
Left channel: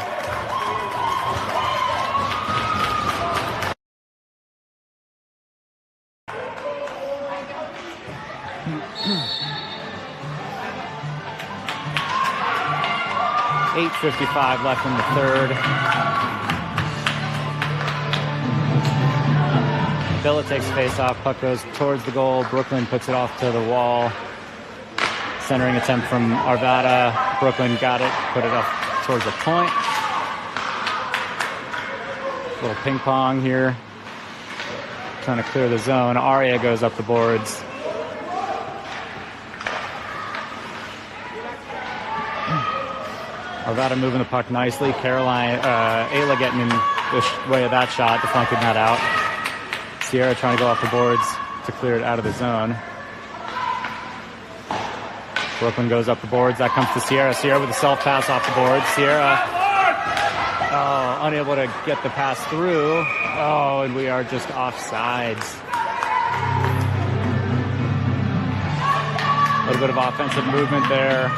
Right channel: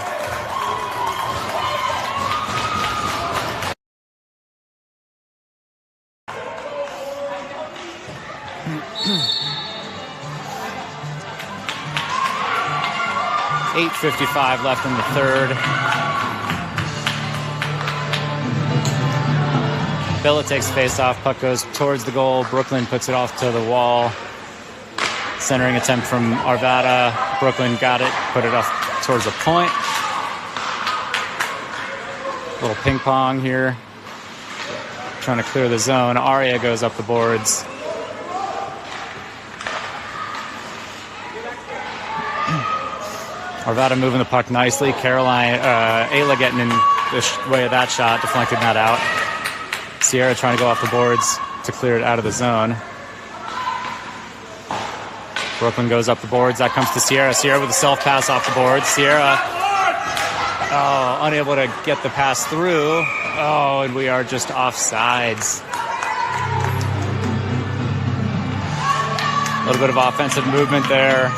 .8:55 left in the third. Villa takes face-off. Puck goes towards the goal. Brooklyn puts it off to the wall. Centering attempt from Arvada. Brooklyn got it. Put it off towards the point. Little ping pong here. Trying to clear the zone. Aria goes up the boards. Arvada moving the puck nicely. Ayla getting in the way of that shot, deflecting that out. Sierra trying to go off the boards to clear it out of the zone. Brooklyn goes up the boards. That comes to Sierra. Sierra with a self-pass off the boards. Sierra, unable to get the pass through. Oh, and we are just offsides. A little bit of offensive movement there.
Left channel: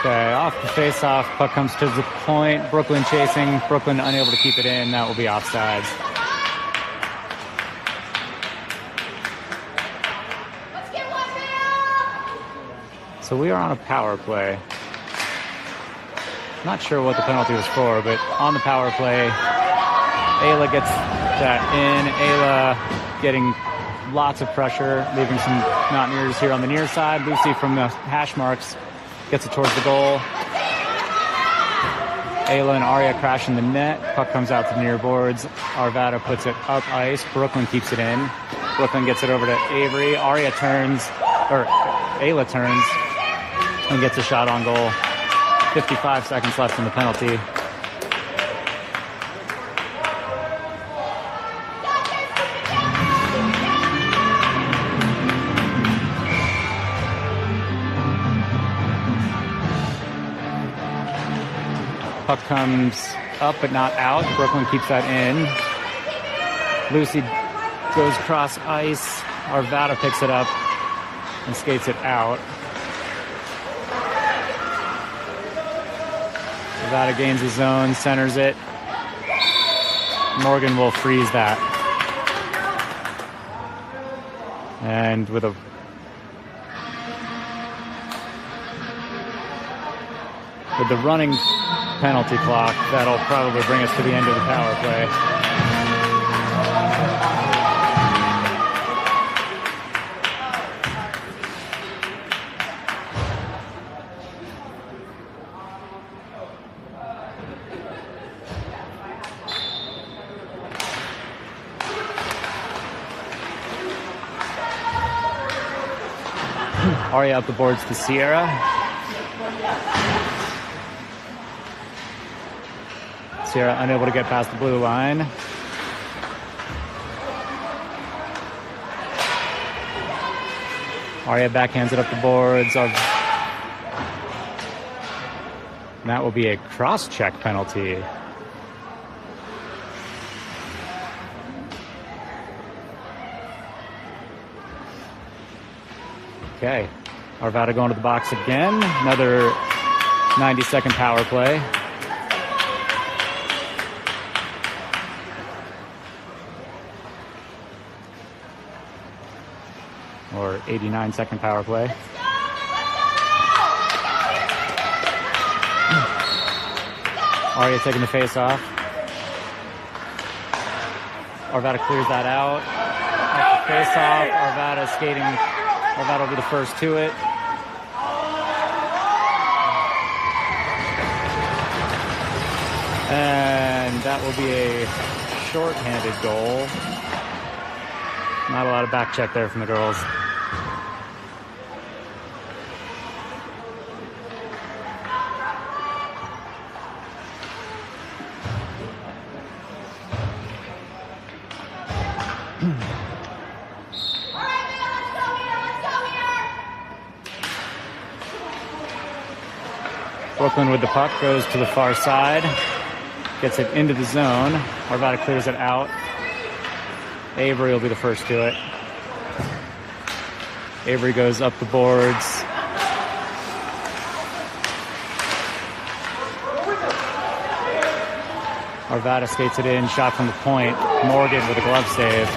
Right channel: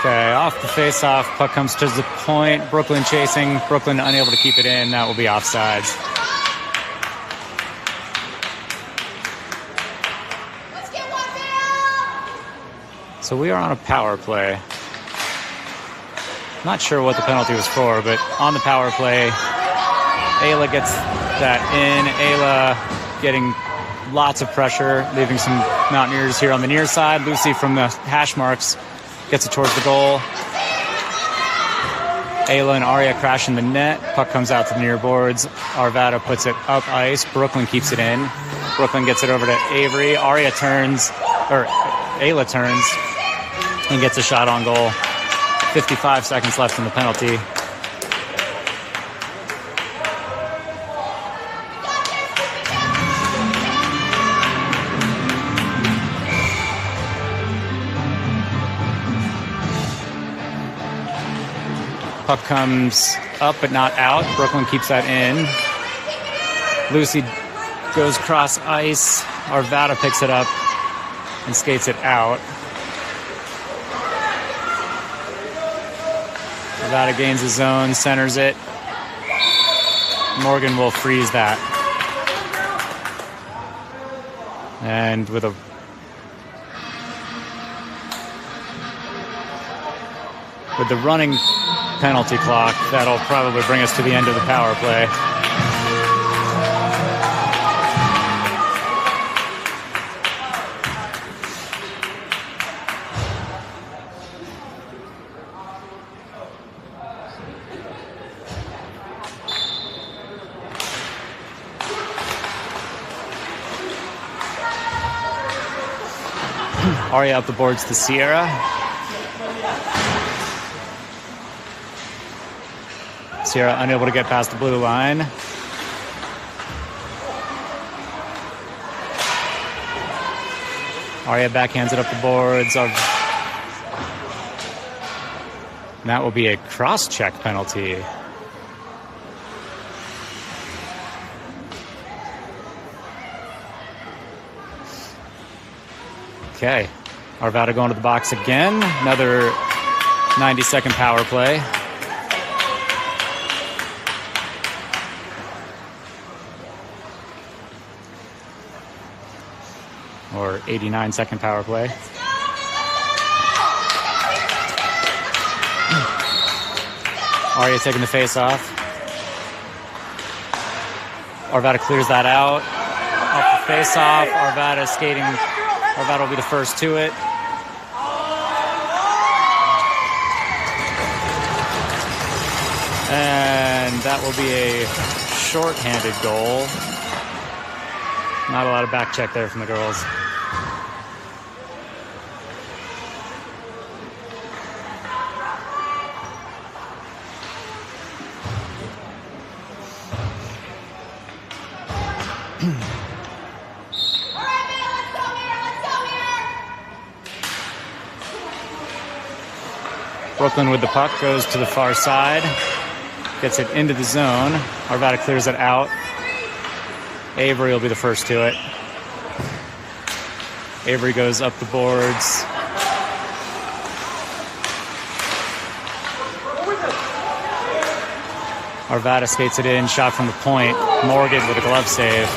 Okay, off the face-off, puck comes to the point. Brooklyn chasing. Brooklyn unable to keep it in. That will be offsides. So we are on a power play. Not sure what the penalty was for, but on the power play, Ayla gets that in. Ayla getting lots of pressure, leaving some Mountaineers here on the near side. Lucy from the hash marks gets it towards the goal. Ayla and Aria crash in the net. Puck comes out to the near boards. Arvada puts it up ice. Brooklyn keeps it in. Brooklyn gets it over to Avery. Ayla turns and gets a shot on goal. 55 seconds left in the penalty. Puck comes up but not out. Brooklyn keeps that in. Lucy goes cross ice. Arvada picks it up and skates it out. Arvada gains his zone, centers it. Morgan will freeze that. And with the running penalty clock, that'll probably bring us to the end of the power play. Aria up the boards to Sierra. Sierra unable to get past the blue line. Aria backhands it up the boards. That will be a cross-check penalty. Okay. Arvada going to the box again. Another 90-second power play. Or 89-second power play. Aria taking the face off. Arvada clears that out. Off the face off. Arvada skating. Arvada will be the first to it. And that will be a short-handed goal. Not a lot of back check there from the girls. Brooklyn with the puck goes to the far side. Gets it into the zone. Arvada clears it out. Avery will be the first to it. Avery goes up the boards. Arvada skates it in. Shot from the point. Morgan with a glove save.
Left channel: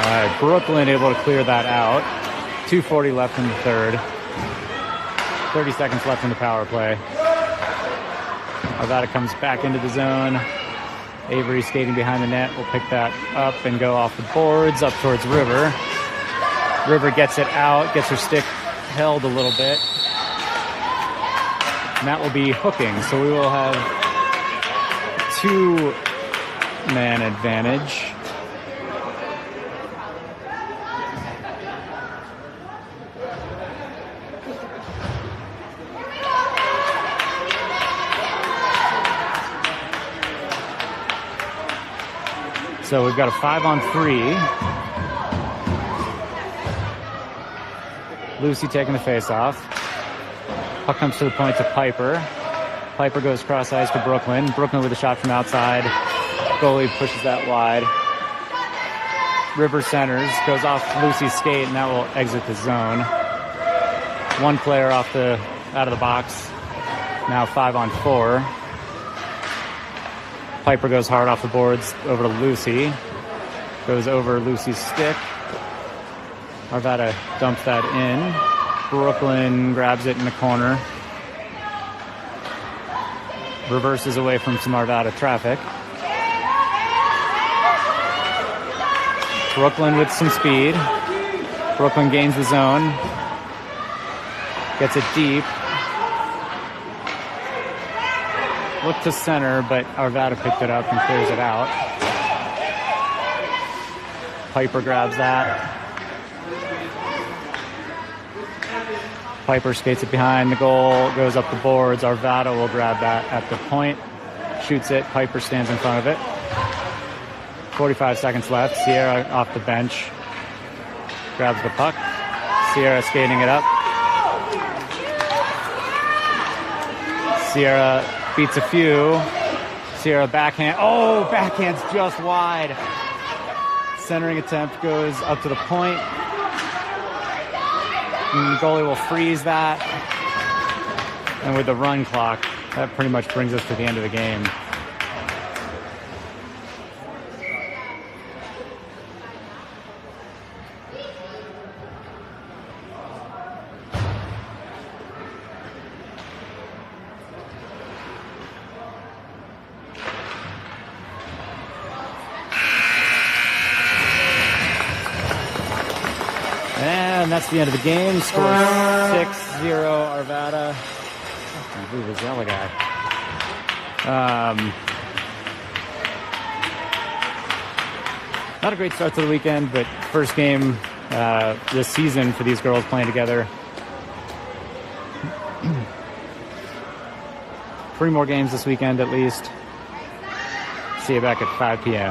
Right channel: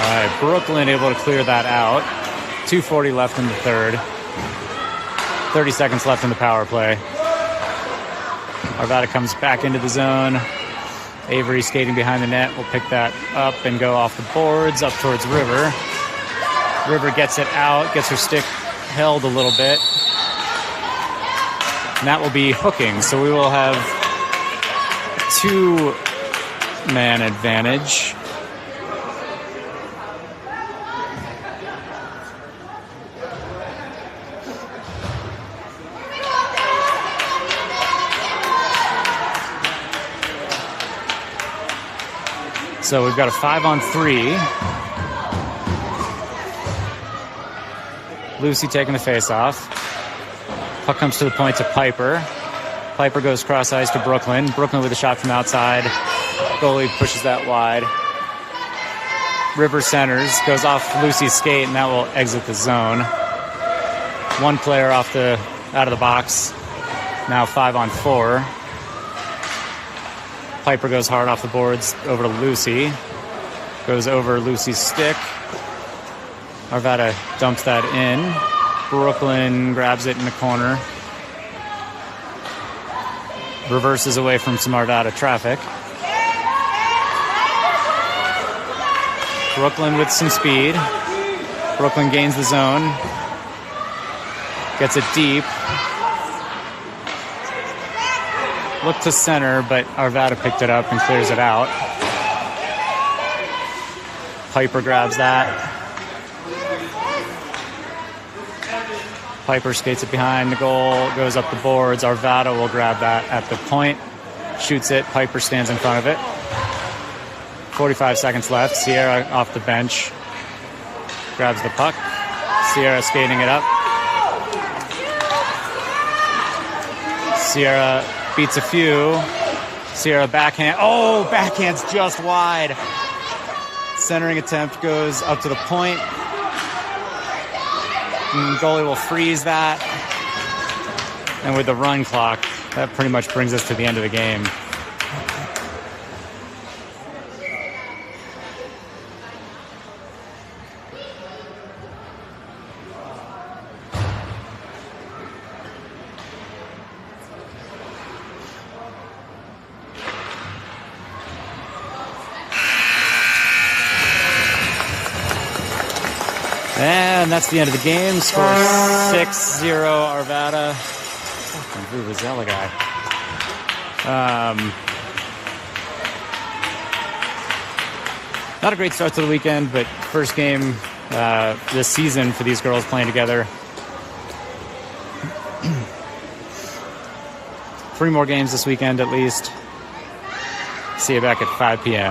All right, Brooklyn able to clear that out. 2:40 left in the third. 30 seconds left in the power play. Arvada comes back into the zone. Avery skating behind the net will pick that up and go off the boards up towards River. River gets it out, gets her stick held a little bit. And that will be hooking. So we will have 2-man advantage. So we've got a 5-on-3. Lucy taking the face-off. Puck comes to the point to Piper. Piper goes cross ice to Brooklyn. Brooklyn with a shot from outside. Goalie pushes that wide. River centers, goes off Lucy's skate, and that will exit the zone. One player out of the box. Now 5-on-4. Piper goes hard off the boards over to Lucy. Goes over Lucy's stick. Arvada dumps that in. Brooklyn grabs it in the corner. Reverses away from some Arvada traffic. Brooklyn with some speed. Brooklyn gains the zone. Gets it deep. Looked to center, but Arvada picked it up and clears it out. Piper grabs that. Piper skates it behind the goal, goes up the boards. Arvada will grab that at the point. Shoots it. Piper stands in front of it. 45 seconds left. Sierra off the bench. Grabs the puck. Sierra skating it up. Sierra beats a few. Sierra backhand. Oh, backhand's just wide. Centering attempt goes up to the point. And goalie will freeze that. And with the run clock, that pretty much brings us to the end of the game. And that's the end of the game. Score 6-0 Arvada. Fucking Vuvuzela guy. Not a great start to the weekend, but first game this season for these girls playing together. 3 more games this weekend at least. See you back at 5 p.m.